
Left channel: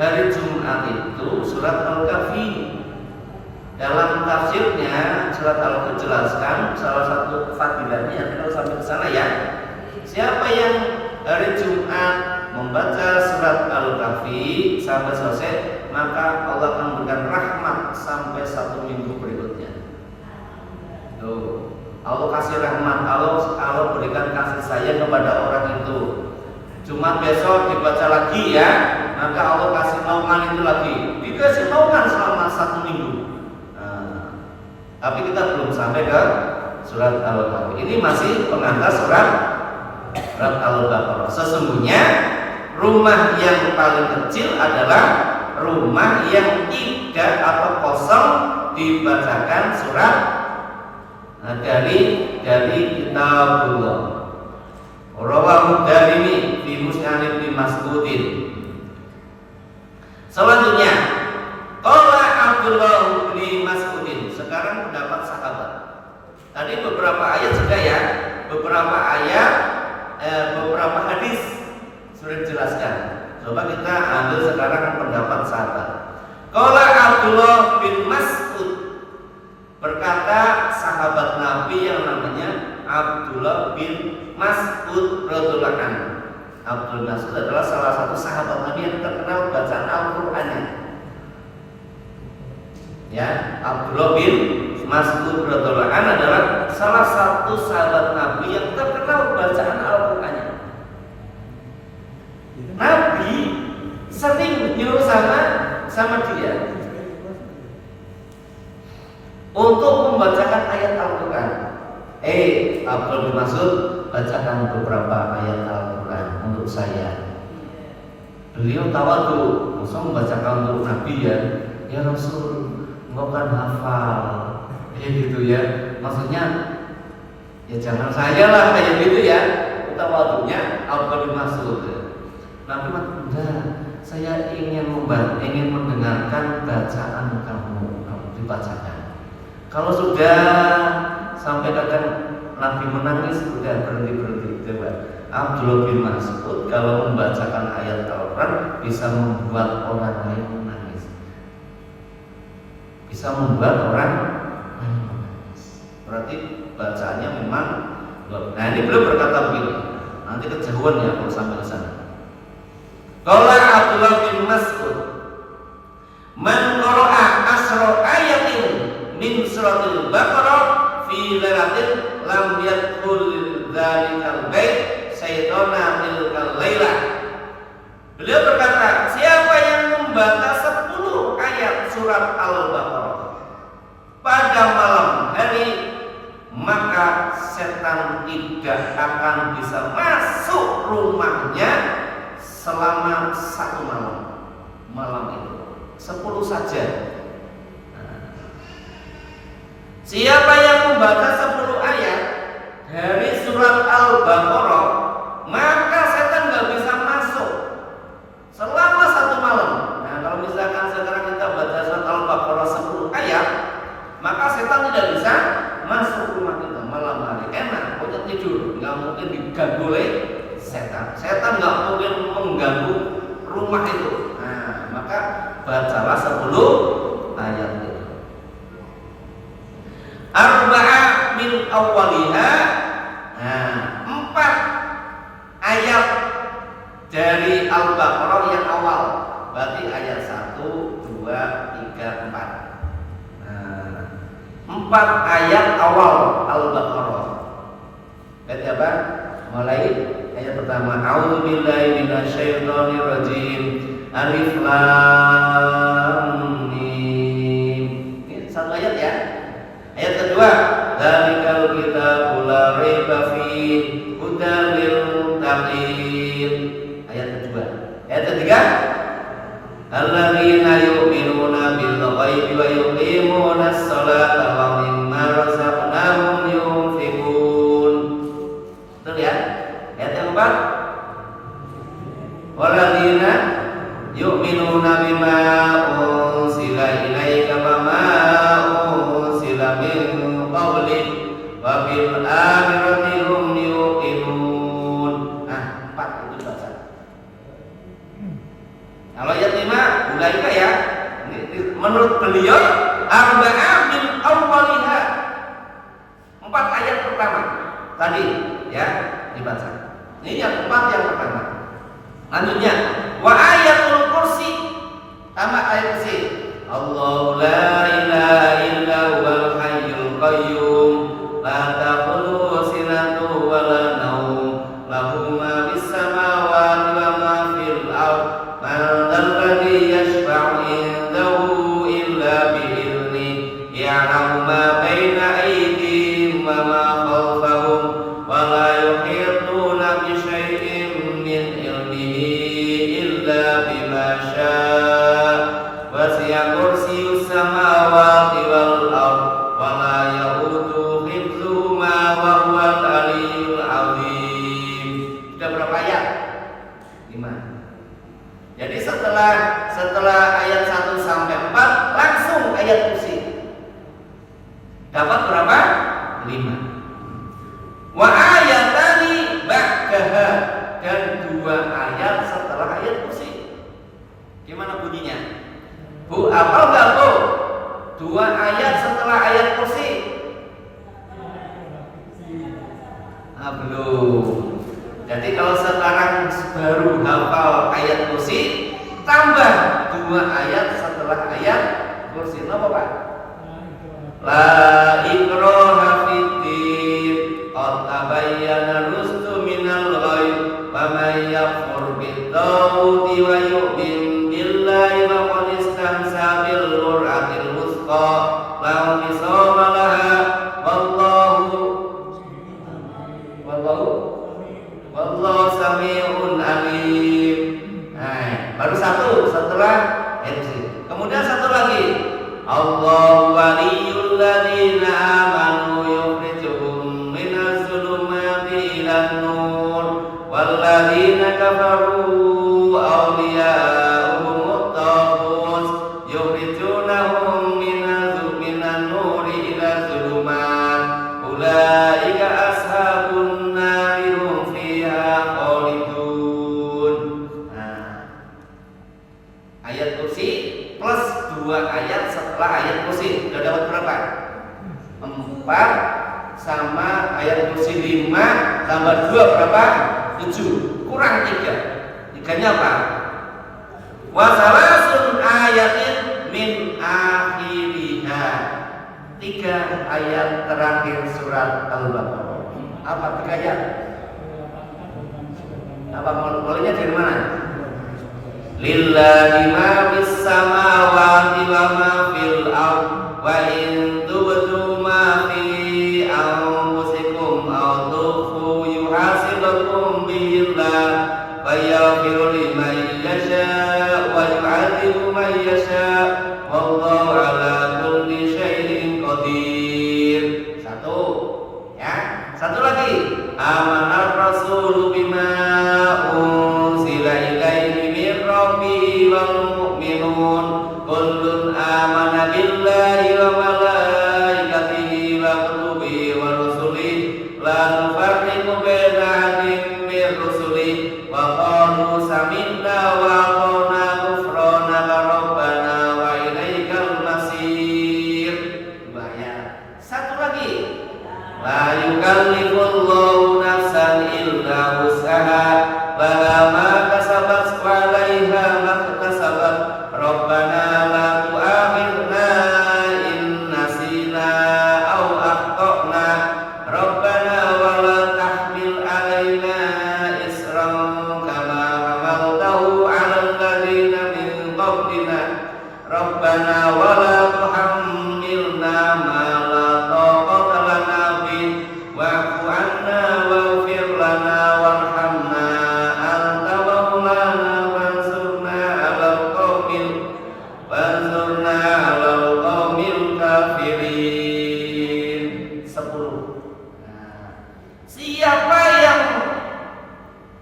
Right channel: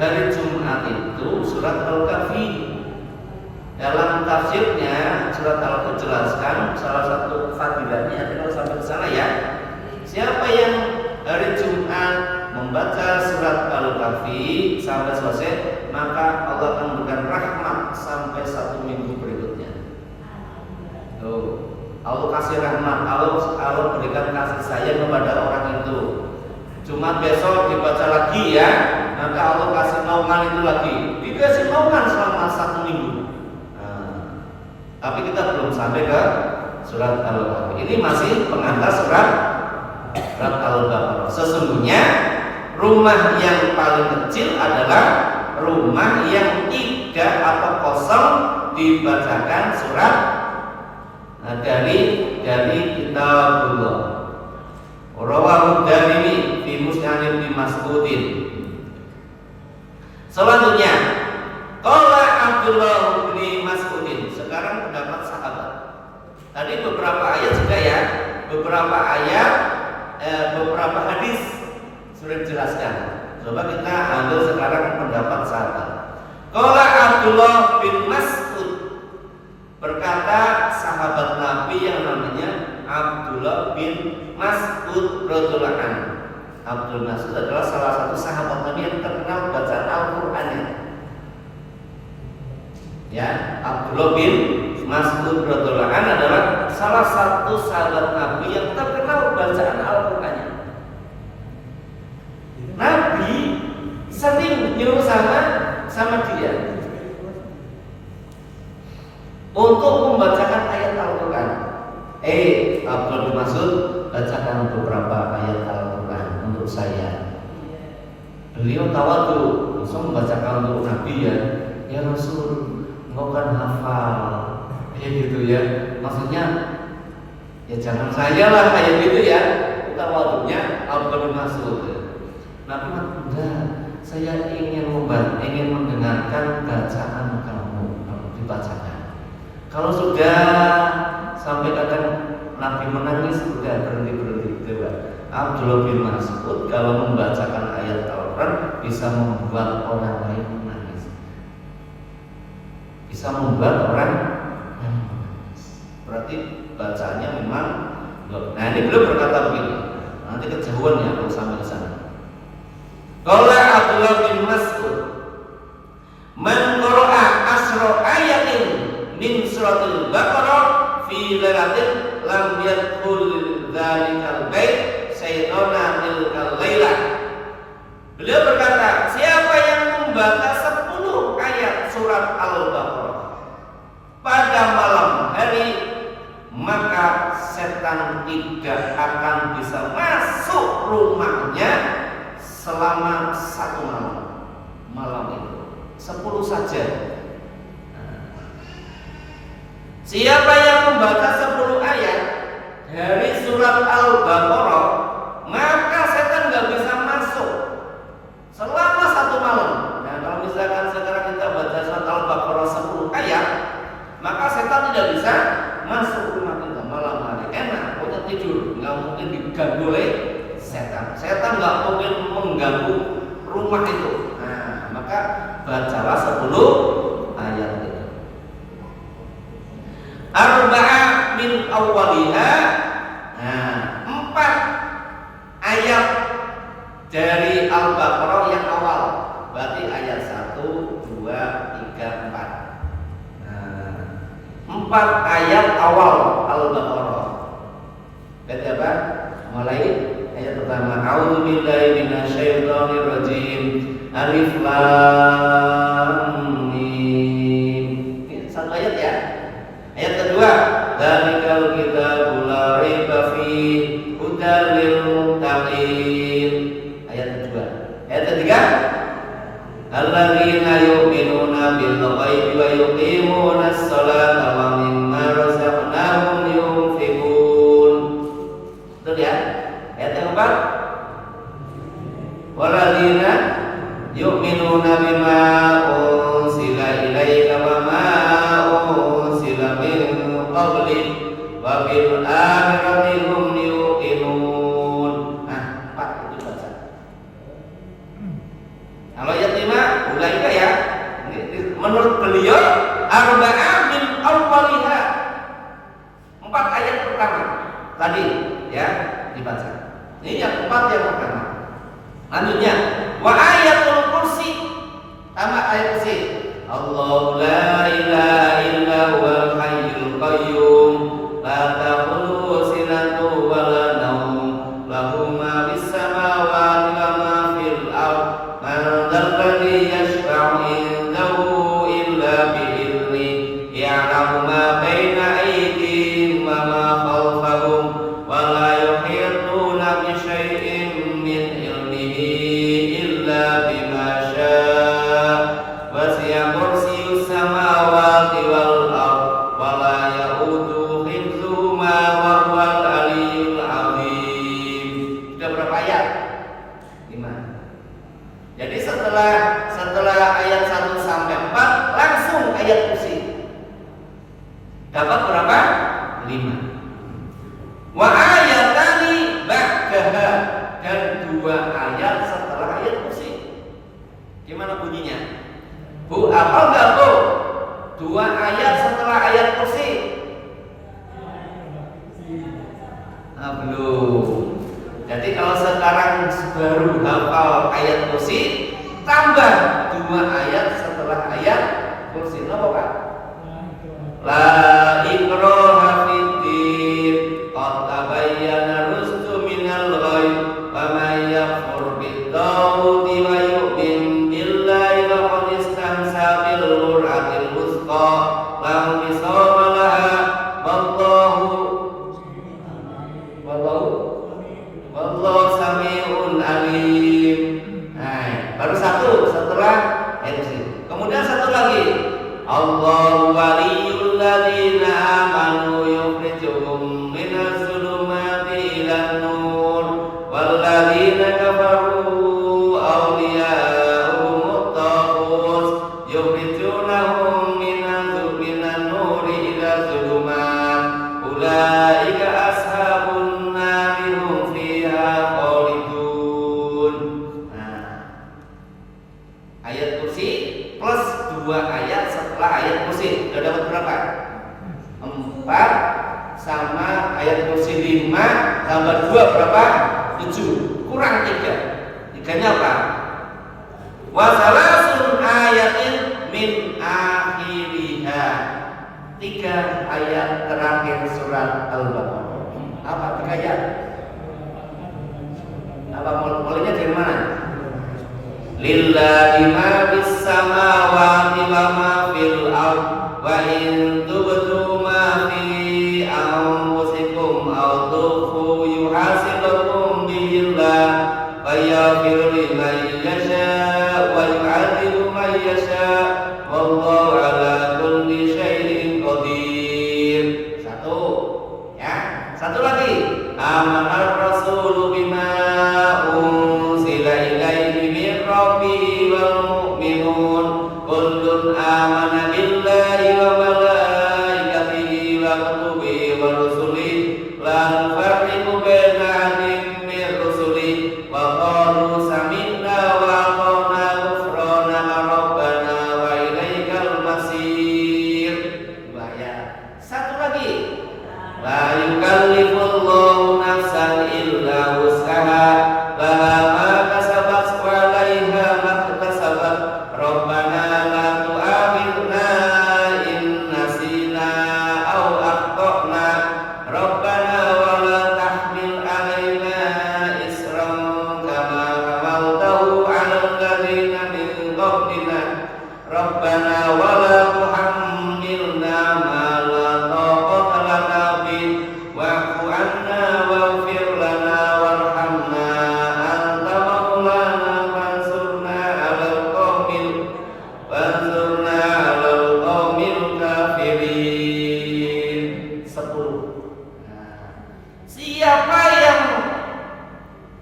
hari Jumat itu surat Al-Kahfi. Dalam tafsirnya surat Al-Kahfi jelaskan salah satu fadilahnya, kita sampai ke sana ya. Siapa yang hari Jumat membaca surat Al-Kahfi sampai selesai, maka Allah akan memberikan rahmat sampai 1 minggu berikutnya. Tuh, Allah kasih rahmat, Allah berikan kasih sayang kepada orang itu. Jumat besok dibaca lagi ya, maka Allah kasih naungan itu lagi, dikasih naungan selama 1 minggu. Tapi kita belum sampai ke surat Al-Kahfi. Ini masih pengantar surat Al-Baqarah. Sesungguhnya rumah yang paling kecil adalah rumah yang tidak atau kosong dibacakan surat dari kitabullah. Rawahu Darimi fi Musnad Ibnu Mas'udin. Selanjutnya, qala Abdullah bin Mas'udin. Sekarang pendapat sahabat. Tadi beberapa ayat sudah ya, beberapa ayat, beberapa hadis sudah dijelaskan. Coba kita ambil sekarang pendapat sahabat. Qala Abdullah bin Mas'ud, berkata sahabat Nabi yang namanya Abdullah bin Mas'ud radhiyallahu anhu. Abdul Mas'ud adalah salah satu sahabat Nabi yang terkenal bacaan Al-Qur'annya. Ya, Abdullah bin Mas'ud radhiyallahu anhu adalah salah satu sahabat Nabi yang terkenal bacaan Al-Qur'annya. Nabi sering nyuruh sama dia untuk membacakan ayat Al-Quran. Abdul bin Mas'ud, bacakan beberapa ayat Al-Quran untuk saya. Beliau tawadhu, langsung membacakan untuk Nabi ya Rasul, engkau kan hafal, gitu ya. Maksudnya ya jangan saya lah kayak gitu ya. Tawadhunya Abdul bin Mas'ud. Nabi udah, saya ingin mendengarkan bacaan kamu dibacakan. Kalau sudah sampai kadang Nabi menangis, udah berhenti coba. Abdullah bin Mas'ud kalau membacakan ayat Al-Quran bisa membuat orang lain menangis. Bisa membuat orang menangis. Berarti bacaannya memang. Nah ini beliau berkata begini. Nanti kejauhan ya kalau sampai di sana. Qala Abdullah bin Mas'ud, man qara'a asra ayatin min suratil Baqarah fi lailatin lam yadkhul dzalikal bait syaitana tilkal lailah. Beliau berkata, siapa yang membaca 10 ayat surat Al-Baqarah pada malam hari, maka setan tidak akan bisa masuk rumahnya selama 1 malam. Malam itu 10 saja. Siapa yang membaca 10 ayat dari surat Al-Baqarah, maka setan nggak bisa masuk selama 1 malam. Nah, kalau misalkan sekarang kita baca surat Al-Baqarah 10 ayat, maka setan tidak bisa masuk rumah kita malam hari. Enak, udah tidur, nggak mungkin diganggu oleh setan. Setan nggak mungkin mengganggu rumah itu. Nah, maka bacalah 10 ayat itu. Arba'a min awwaliha. Nah, 4 ayat dari Al-Baqarah yang awal. Berarti ayat 1, 2, 3, 4. Nah, 4 ayat awal Al-Baqarah. Berarti apa? Mulai ayat pertama, a'udzubillahi minasyaitonirrajim. Alif lam mim. Ini 1 ayat ya. Ayat kedua, dzalikal kitabul la raiba fihi hudal lil muttaqin. Ayat kedua. Ayat ketiga, alladzina yu'minuna bil ghaibi wa yuqimunas sholata wa mimma razaqnahum yunfiqun. Betul ya? Ayat yang keempat, walladzina yu'minuna bima unsila ilaika wa ma unsila min qablik wa bil akhirati hum yuqinun. Nah, 4 itu baca. Kalau ayat 5 ulaika ya. Ini menurut beliau arba'a min awwaliha. 4 ayat pertama tadi ya dibaca. Ini yang 4 yang pertama. Lanjutnya, wa ayatul kursi, tambah ayat kursi. Allahu la ilaha illa huwal hayyul qayyum la ta'khudhuhu sinatun wa la nawm lahu ma fis samawati wa ma fil ardh man dzal ladzi yashfa'u indahu illa bi idhnihi ya'lamu ma baina aydihim wa ma khalfahum wa la yuhituna bi syai'in min ilmihi illa bima syaa wasi'a kursiyyus samawati wal ardh wa la ya'uduhu hifdzuhuma wa huwal aliyyul 'azim. Sudah berapa ayat? 5. Jadi setelah ayat 1 sampai 4 langsung ayat kursi. Dapat berapa? 5. Wa ayatani ba'daha, dan 2 ayat setelah ayat kursi. Gimana bunyinya? Bu, hafal enggak Bu? 2 ayat setelah ayat kursi. Belum. Jadi kalau sekarang baru hafal ayat kursi, tambah 2 ayat setelah ayat kursi. Apa Pak? La ikraha fiddin qad tabayyana rusdu minal ghayy faman yakfur bit-taghuti wa yu'min billahi faqad istamsaka bil qur'atil wuthqa la inqisama laha wallahu sami'un alim. Nah, baru 1 setelah ayat kursi. Kemudian 1 lagi, Allahu waliyyul ladzina amanu yukhrijuhum minaz zulumati ilan nur wal ladzina kafaru 7, kurang 3. Tiganya apa? Wa salasun ayatin min akhiriha. 3 ayat terakhir surat Al-Baqarah. Apa 3 ayat? Apa mulainya dari mana? Lillahi ma fis samawati wa ma fil ard wa in tubdu ma fi anfusikum aw tukhfu yuhasibukum billah wa yaghfiru liman yasha wa yu'adhibu man yasha wallahu ala kulli syai'in qadir. 1 ya. 1 lagi. Amanar rasulu bima unzila ilaihi min rabbihi wal mu'minun kullun amana billahi wa malaikatihi wa kutubihi wa rusulihi la nufarriqu baina ahadin min rusulihi wa qalu sami'na wa ata'na ghufranaka rabbana wa ilaikal masir. 2 ya. 1 lagi. La yukallifullahu nafsan illa wus'aha laha ma kasabat wa 'alaiha ma iktasabat rabbana la tu'akhidhna in nasina aw akhtana rabbana wa la tahmil 'alaina isran kama hamaltahu 'alal ladzina min qablina rabbana wa la tuhammilna ma la taqata lana bih wa'fu 'anna waghfir lana warhamna anta maulana fansurna 'alal qaumil kafirin. 10. Siapa yang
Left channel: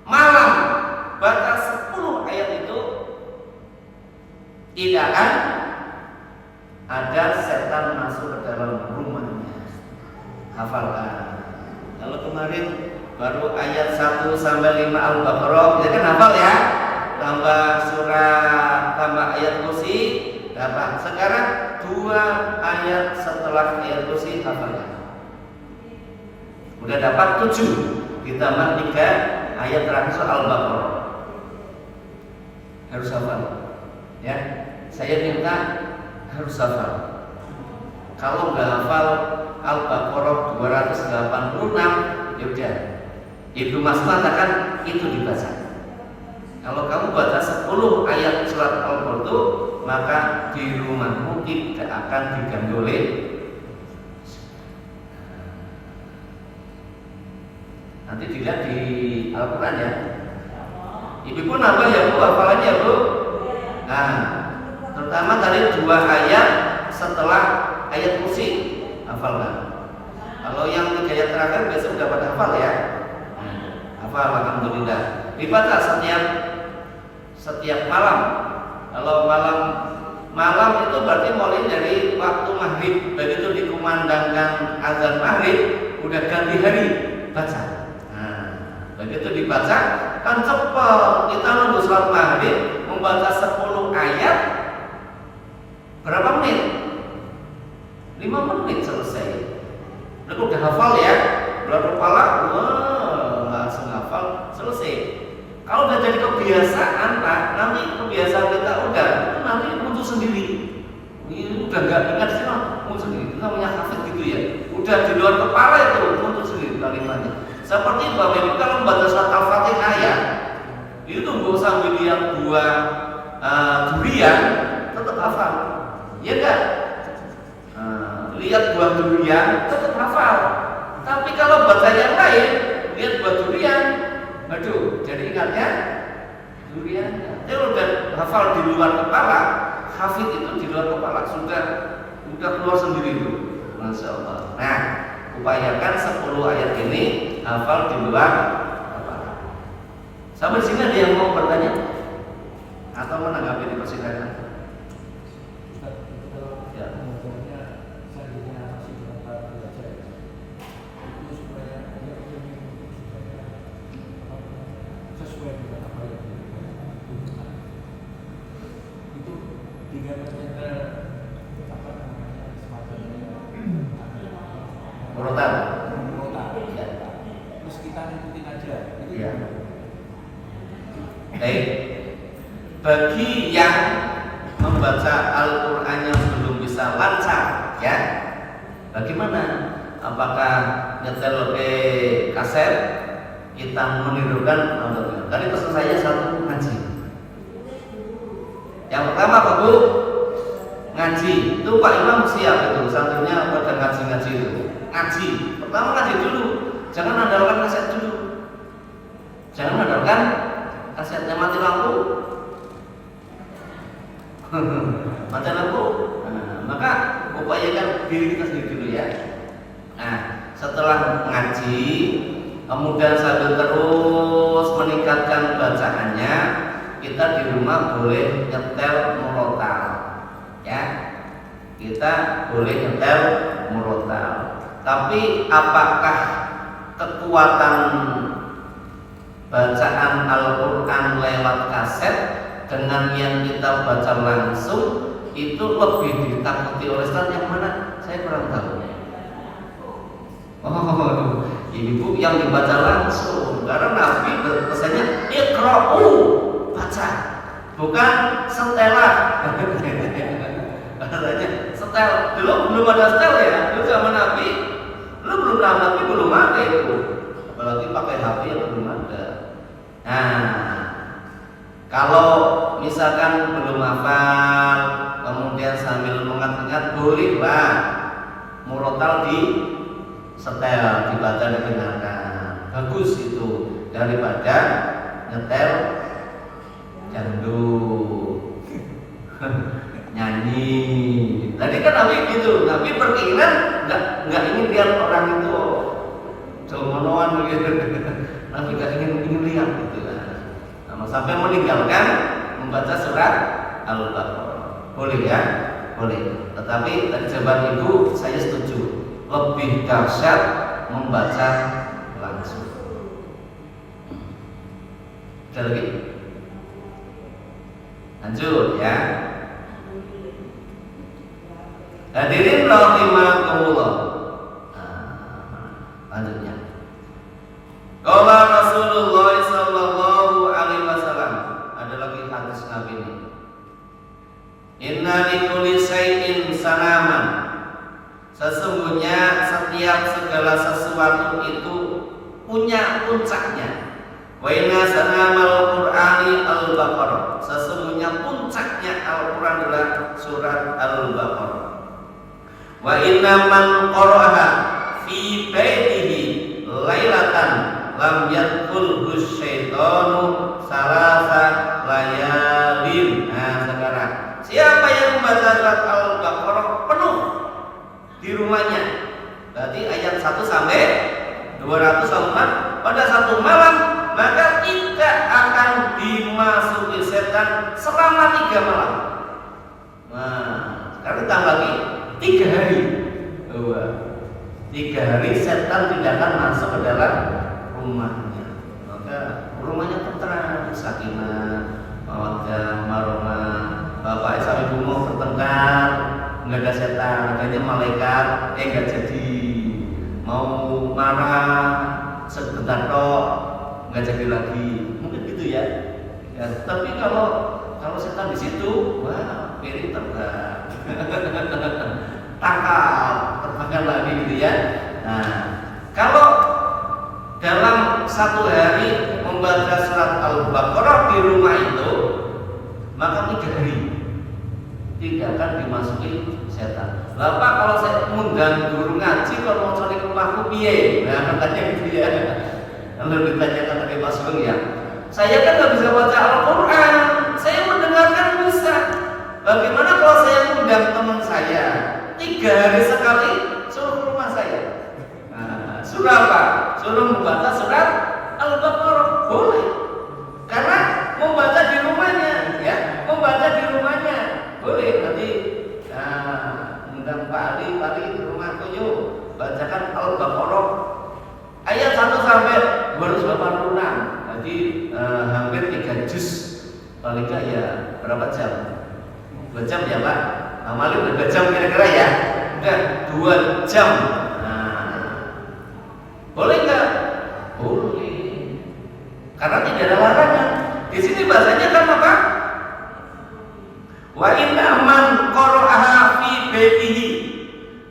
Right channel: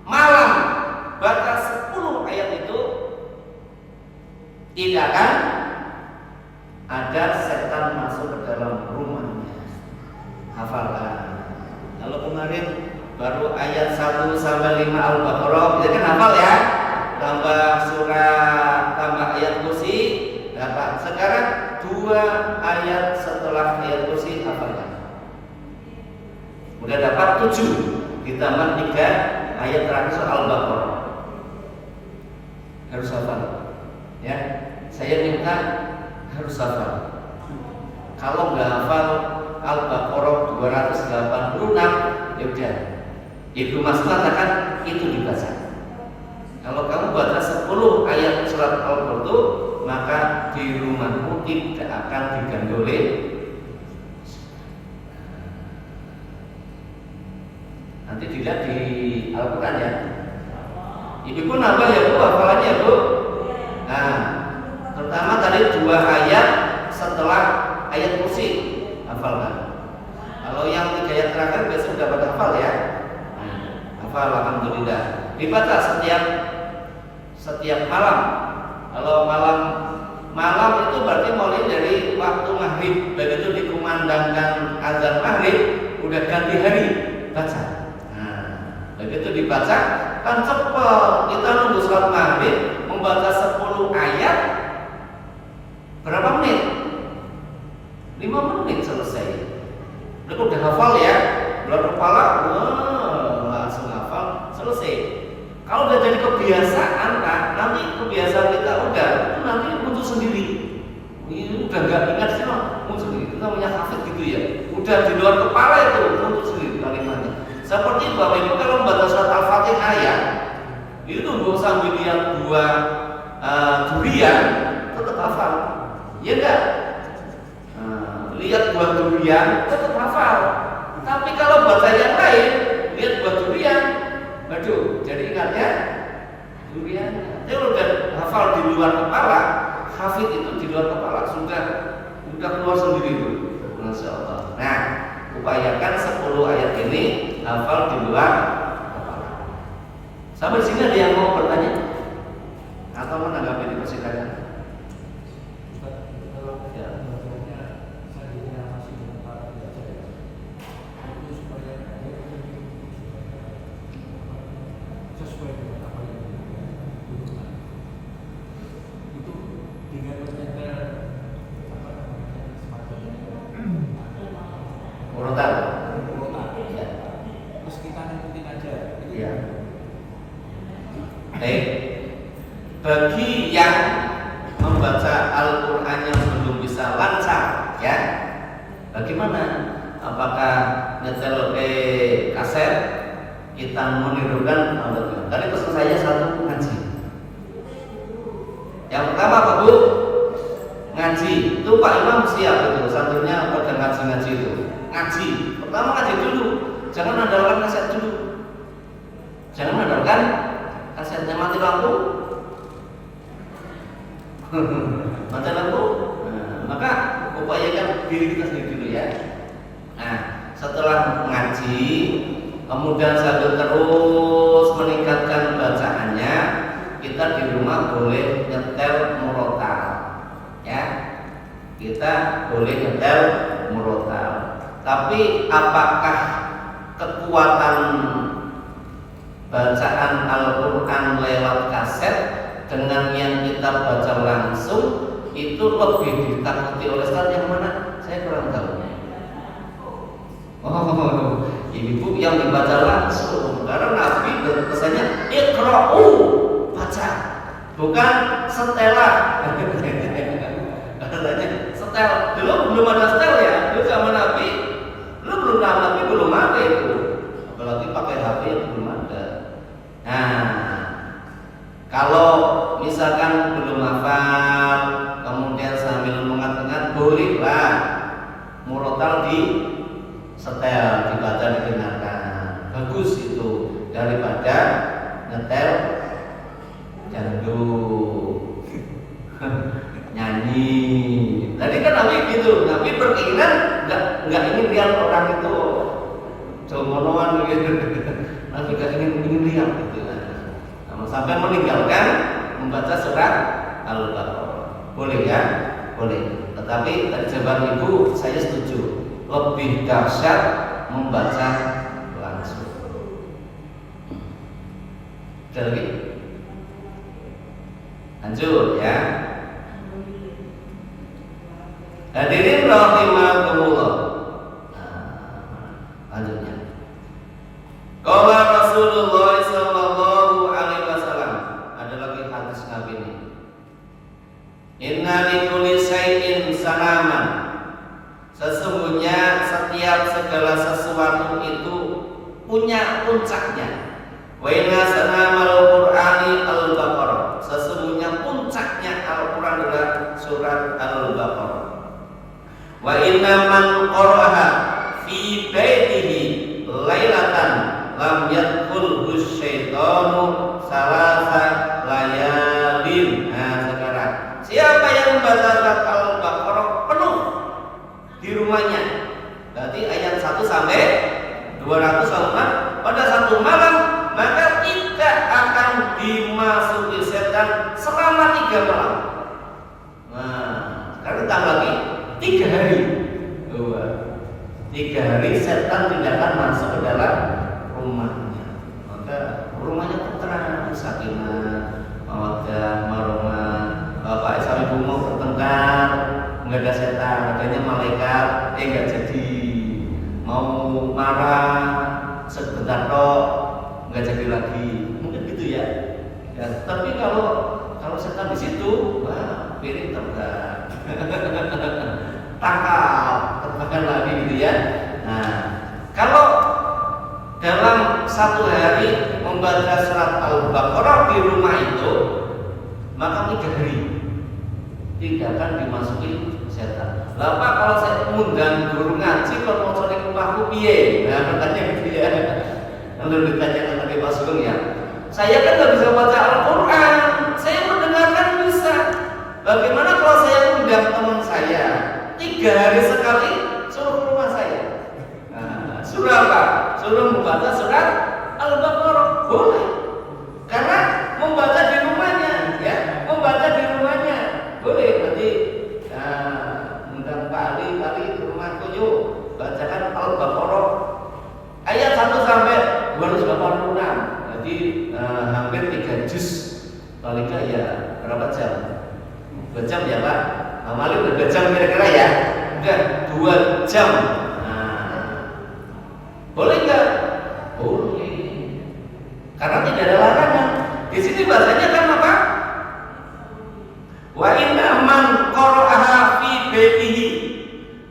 malam baca 10 ayat itu tidak akan ada setan masuk ke dalam rumahnya. Hafalkan. Kalau kemarin baru ayat 1 sampai 5 Al-Baqarah, kita kan hafal ya. Tambah surah, tambah ayat kursi, dapat. Sekarang 2 ayat setelah ayat kursi hafalkan. Udah dapat 7, ditambah 3 ayat terakhir surah Al-Baqarah. Harus hafal. Ya, saya minta harus hafal. Kalau nggak hafal Al-Baqarah 286, ya udah. Ibnu Mas'ud katakan itu dibaca. Kalau kamu baca 10 ayat surat Al-Baqarah itu, maka di rumahmu tidak akan diganggu oleh nanti dilihat di Al-Quran ya. Ibu pun nambah ya Bu, hafalannya ya Bu. Nah, pertama tadi 2 ayat setelah ayat kursi, hafalkan. Kalau yang 3 ayat terakhir besok dapat hafal ya. Hafal alhamdulillah. Dibaca setiap malam. Kalau malam itu berarti mulai dari waktu maghrib, begitu dikumandangkan azan maghrib, udah ganti hari, baca. Nah, begitu dibaca kan cepat. Kita nunggu sholat maghrib membaca 10 ayat berapa menit? 5 menit selesai. Udah hafal ya, bulan kepala, langsung hafal, selesai. Kalau udah jadi kebiasaan Pak, nanti kebiasaan kita udah, nanti muncul sendiri. Ini udah gak ingat sih muncul sendiri. Itu namanya hafid gitu ya. Udah di luar kepala itu muncul sendiri kalimatnya. Seperti Bapak Ibu kalau membaca surat Al-Fatihah ya, itu tunggu sambil lihat 2 durian tetap hafal. Ya enggak? Lihat 2 durian tetap hafal. Tapi kalau baca yang lain, lihat 2 durian, aduh, jadi ingatnya durian. Jadi udah hafal di luar kepala, hafid itu di luar kepala sudah keluar sendiri itu. Masya Allah. Nah, upayakan 10 ayat ini hafal di luar kepala. Sampai sini ada yang mau bertanya atau menanggapi, dipersilakan. Terus kita ngikutin aja. Iya. Bagi yang membaca Al-Qur'annya belum bisa lancar, ya, bagaimana? Apakah nyetel kaset kita menirukan? Tadi pesan saya satu, ngaji. Yang pertama apa Bu? Ngaji. Itu Pak Imam siap itu, santrinya pada ngaji itu. Ngaji. Pertama ngaji dulu. Jangan andalkan kaset dulu. Jangan andalkan kasetnya mati lampu. Mati lampu. Maka upayakan diri kita sendiri dulu ya. Nah, setelah ngaji, kemudian sambil terus meningkatkan bacaannya, kita di rumah boleh nyetel murotal, ya. Kita boleh nyetel murotal. Tapi apakah kekuatan bacaan Al-Quran lewat kaset dengan yang kita baca langsung itu lebih ditakuti oleh Ustaz yang mana? Saya kurang tahu. Oh, ini Bu yang dibaca langsung, karena Nabi pesannya iqra'u, baca, bukan setelan. Katanya setel, dulu belum ada setel ya, dulu zaman Nabi, belum Nabi belum ada itu, apalagi pakai HP belum ada. Nah, kalau misalkan belum hafal, kemudian sambil mengingat-ingat, bolehlah murotal di setel, dibaca, didengarkan. Bagus itu daripada nyetel dangdut nyanyi. Tadi kan Nabi gitu, Nabi berkeinginan nggak ingin lihat orang itu jomonoan gitu. Nabi nggak ingin lihat gitu. Nah, sampai meninggalkan membaca surat Al-Baqarah. Boleh ya? Boleh. Tetapi tadi jawaban Ibu saya setuju, lebih dahsyat membaca langsung. Ada lagi? Lanjut ya. Hadirin rahimakumullah. Lanjutnya. Qala Rasulullah sallallahu alaihi wasallam. Ada lagi hadis Nabi ini. Inna likulli syai'in salaman. Sesungguhnya setiap segala sesuatu itu punya puncaknya. Wa inna sanamal Qur'ani Al-Baqarah. Sesungguhnya puncaknya Al-Qur'an adalah surat Al-Baqarah. Wa inna man qara'aha fi baitihi lailatan lam yadkhulhu syaitanu salasa layalin. Nah, sekarang siapa yang membaca surat Al-Baqarah penuh di rumahnya, berarti ayat 1 sampai 204 pada satu malam, maka tidak akan dimasuki setan selama 3 malam. Nah, sekarang tambah lagi 3 hari. 3 hari setan tidak akan masuk ke dalam rumahnya. Maka rumahnya tenteram, sakinah, mawaddah, warahmah. Bapak sama ibu mau bertengkar, nggak ada setan, adanya malaikat, nggak jadi. Mau marah sebentar kok, nggak jadi lagi. Mungkin gitu ya. Tapi kalau setan di situ, wah, piring terbang. Tangkap, terbangkan lagi gitu ya. Nah, kalau dalam 1 hari membaca surat Al-Baqarah di rumah itu, maka 3 hari tidak akan dimasuki setan. Bapak kalau saya mengundang guru ngaji kalau mau cari rumahku piye? Nah, katanya gitu ya. Lalu ditanya ke Mas Sugeng ya. Saya kan nggak bisa baca Al-Quran, saya mendengarkan bisa. Bagaimana kalau saya mengundang teman saya 3 hari sekali suruh ke rumah saya? Nah, suruh apa? Suruh membaca surat Al-Baqarah, boleh. Karena membaca di rumahnya, ya, membaca di rumahnya boleh. Nanti undang Pak Ali ke rumahku yuk, bacakan Al-Baqarah ayat 1 sampai 286. Jadi hampir 3 juz. Paling enggak ya berapa jam? 2 jam ya Pak. Amalin udah 2 jam kira-kira ya? Enggak, 2 jam. Nah, boleh enggak? Boleh. Karena tidak ada larangan. Di sini bahasanya kan apa? Wa inna man qara'aha fi baitihi.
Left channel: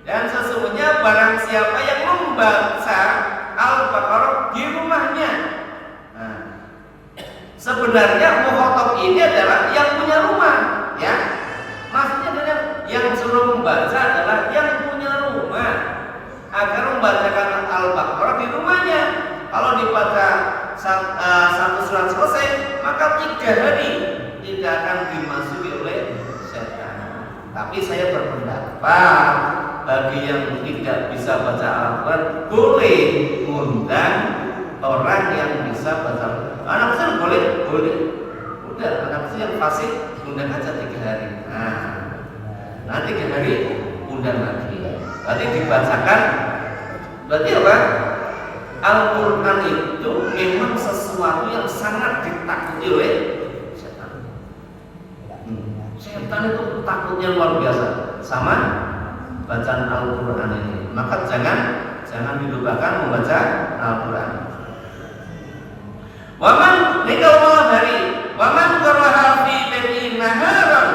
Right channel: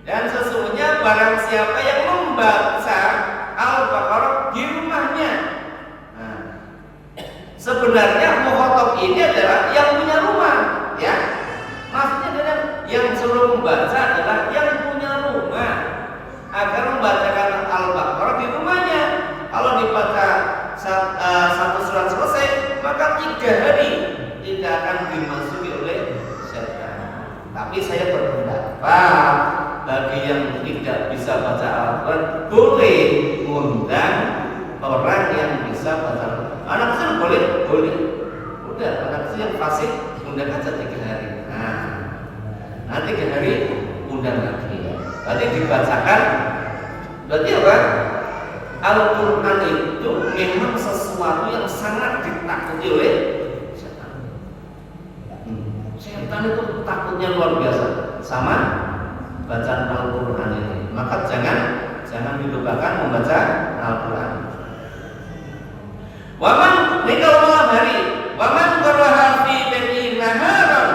Dan sesungguhnya barang siapa yang membaca Al-Baqarah di rumahnya. Nah, sebenarnya mukhatab ini adalah yang punya rumah, ya. Maksudnya adalah yang suruh membaca adalah yang punya rumah agar membacakan Al-Baqarah di rumahnya. Kalau dibaca satu surat selesai, maka 3 hari tidak akan dimasuki oleh setan. Tapi saya berpendapat bagi yang tidak bisa baca Al-Quran boleh mengundang orang yang bisa baca Al-Quran. Anak kecil boleh, udah anak kecil yang fasik undang aja 3 hari. Nah 3 hari undang lagi. Nanti dibacakan. Berarti apa? Al-Quran itu memang sesuatu yang sangat ditakuti oleh setan. Setan itu takutnya luar biasa sama bacaan Al-Quran ini. Maka jangan dilupakan membaca Al-Quran. Waman nikah malam hari, waman qara'aha fi baiti naharan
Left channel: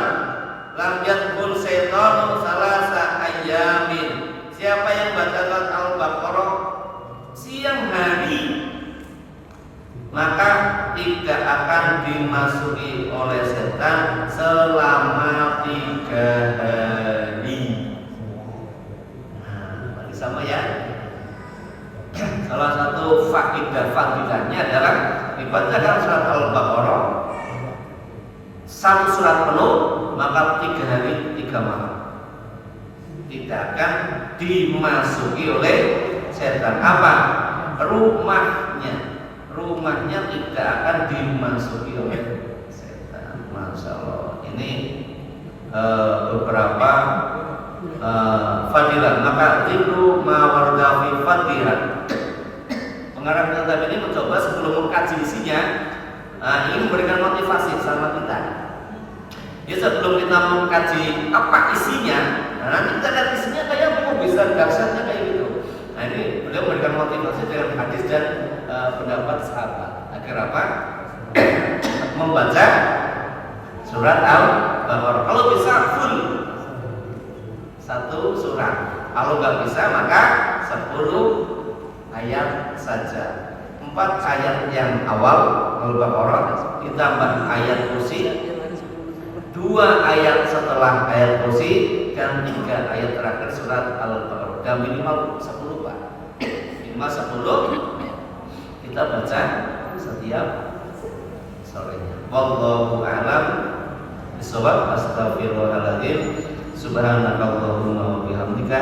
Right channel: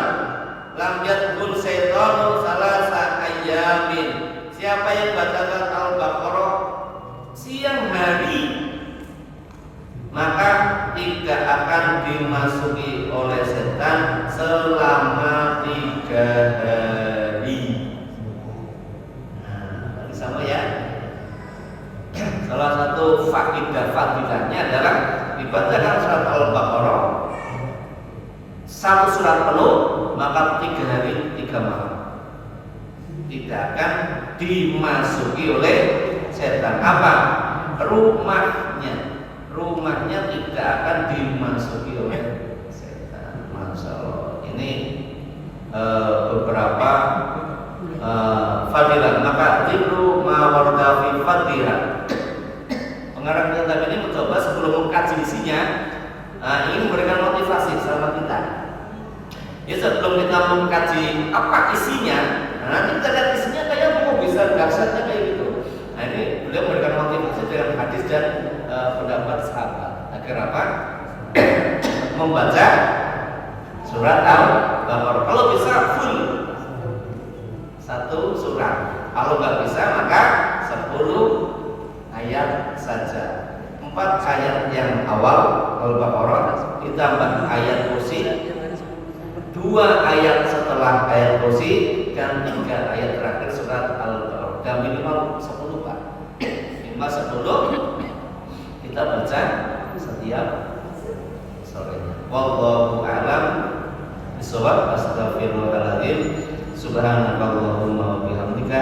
lam yadkhul syaitanu salasa ayyamin. Siapa yang bacakan Al-Baqarah siang hari, maka tidak akan dimasuki oleh setan selama 3 hari. Nah, sama ya. Salah satu fadilahnya adalah dibacakan surat Al-Baqarah 1 surat penuh, maka 3 hari 3 malam tidak akan dimasuki oleh setan. Apa? Rumahnya tidak akan dimasuki oleh setan. Masya Allah. Ini beberapa fadilah. Maka dzikru ma warda fi fadilah. Pengarang kitab ini mencoba sebelum mengkaji isinya, ingin memberikan motivasi sama kita. Ya, sebelum kita mengkaji apa isinya, nanti kita lihat isinya kayak mau bisa dahsyatnya kayak gitu. Nah, ini beliau memberikan motivasi dengan hadis dan pendapat sahabat agar apa? Membaca surat Al-Baqarah. Kalau bisa full 1 surat. Kalau nggak bisa maka 10 ayat saja. 4 ayat yang awal Al-Baqarah ditambah ayat kursi, 2 ayat setelah ayat kursi, dan 3 ayat terakhir surat Al-Baqarah. Dan minimal 10 Pak. Minimal 10 kita baca setiap sorenya. Wallahu a'lam bishawab. Astaghfirullahaladzim. Subhanakallahumma wa bihamdika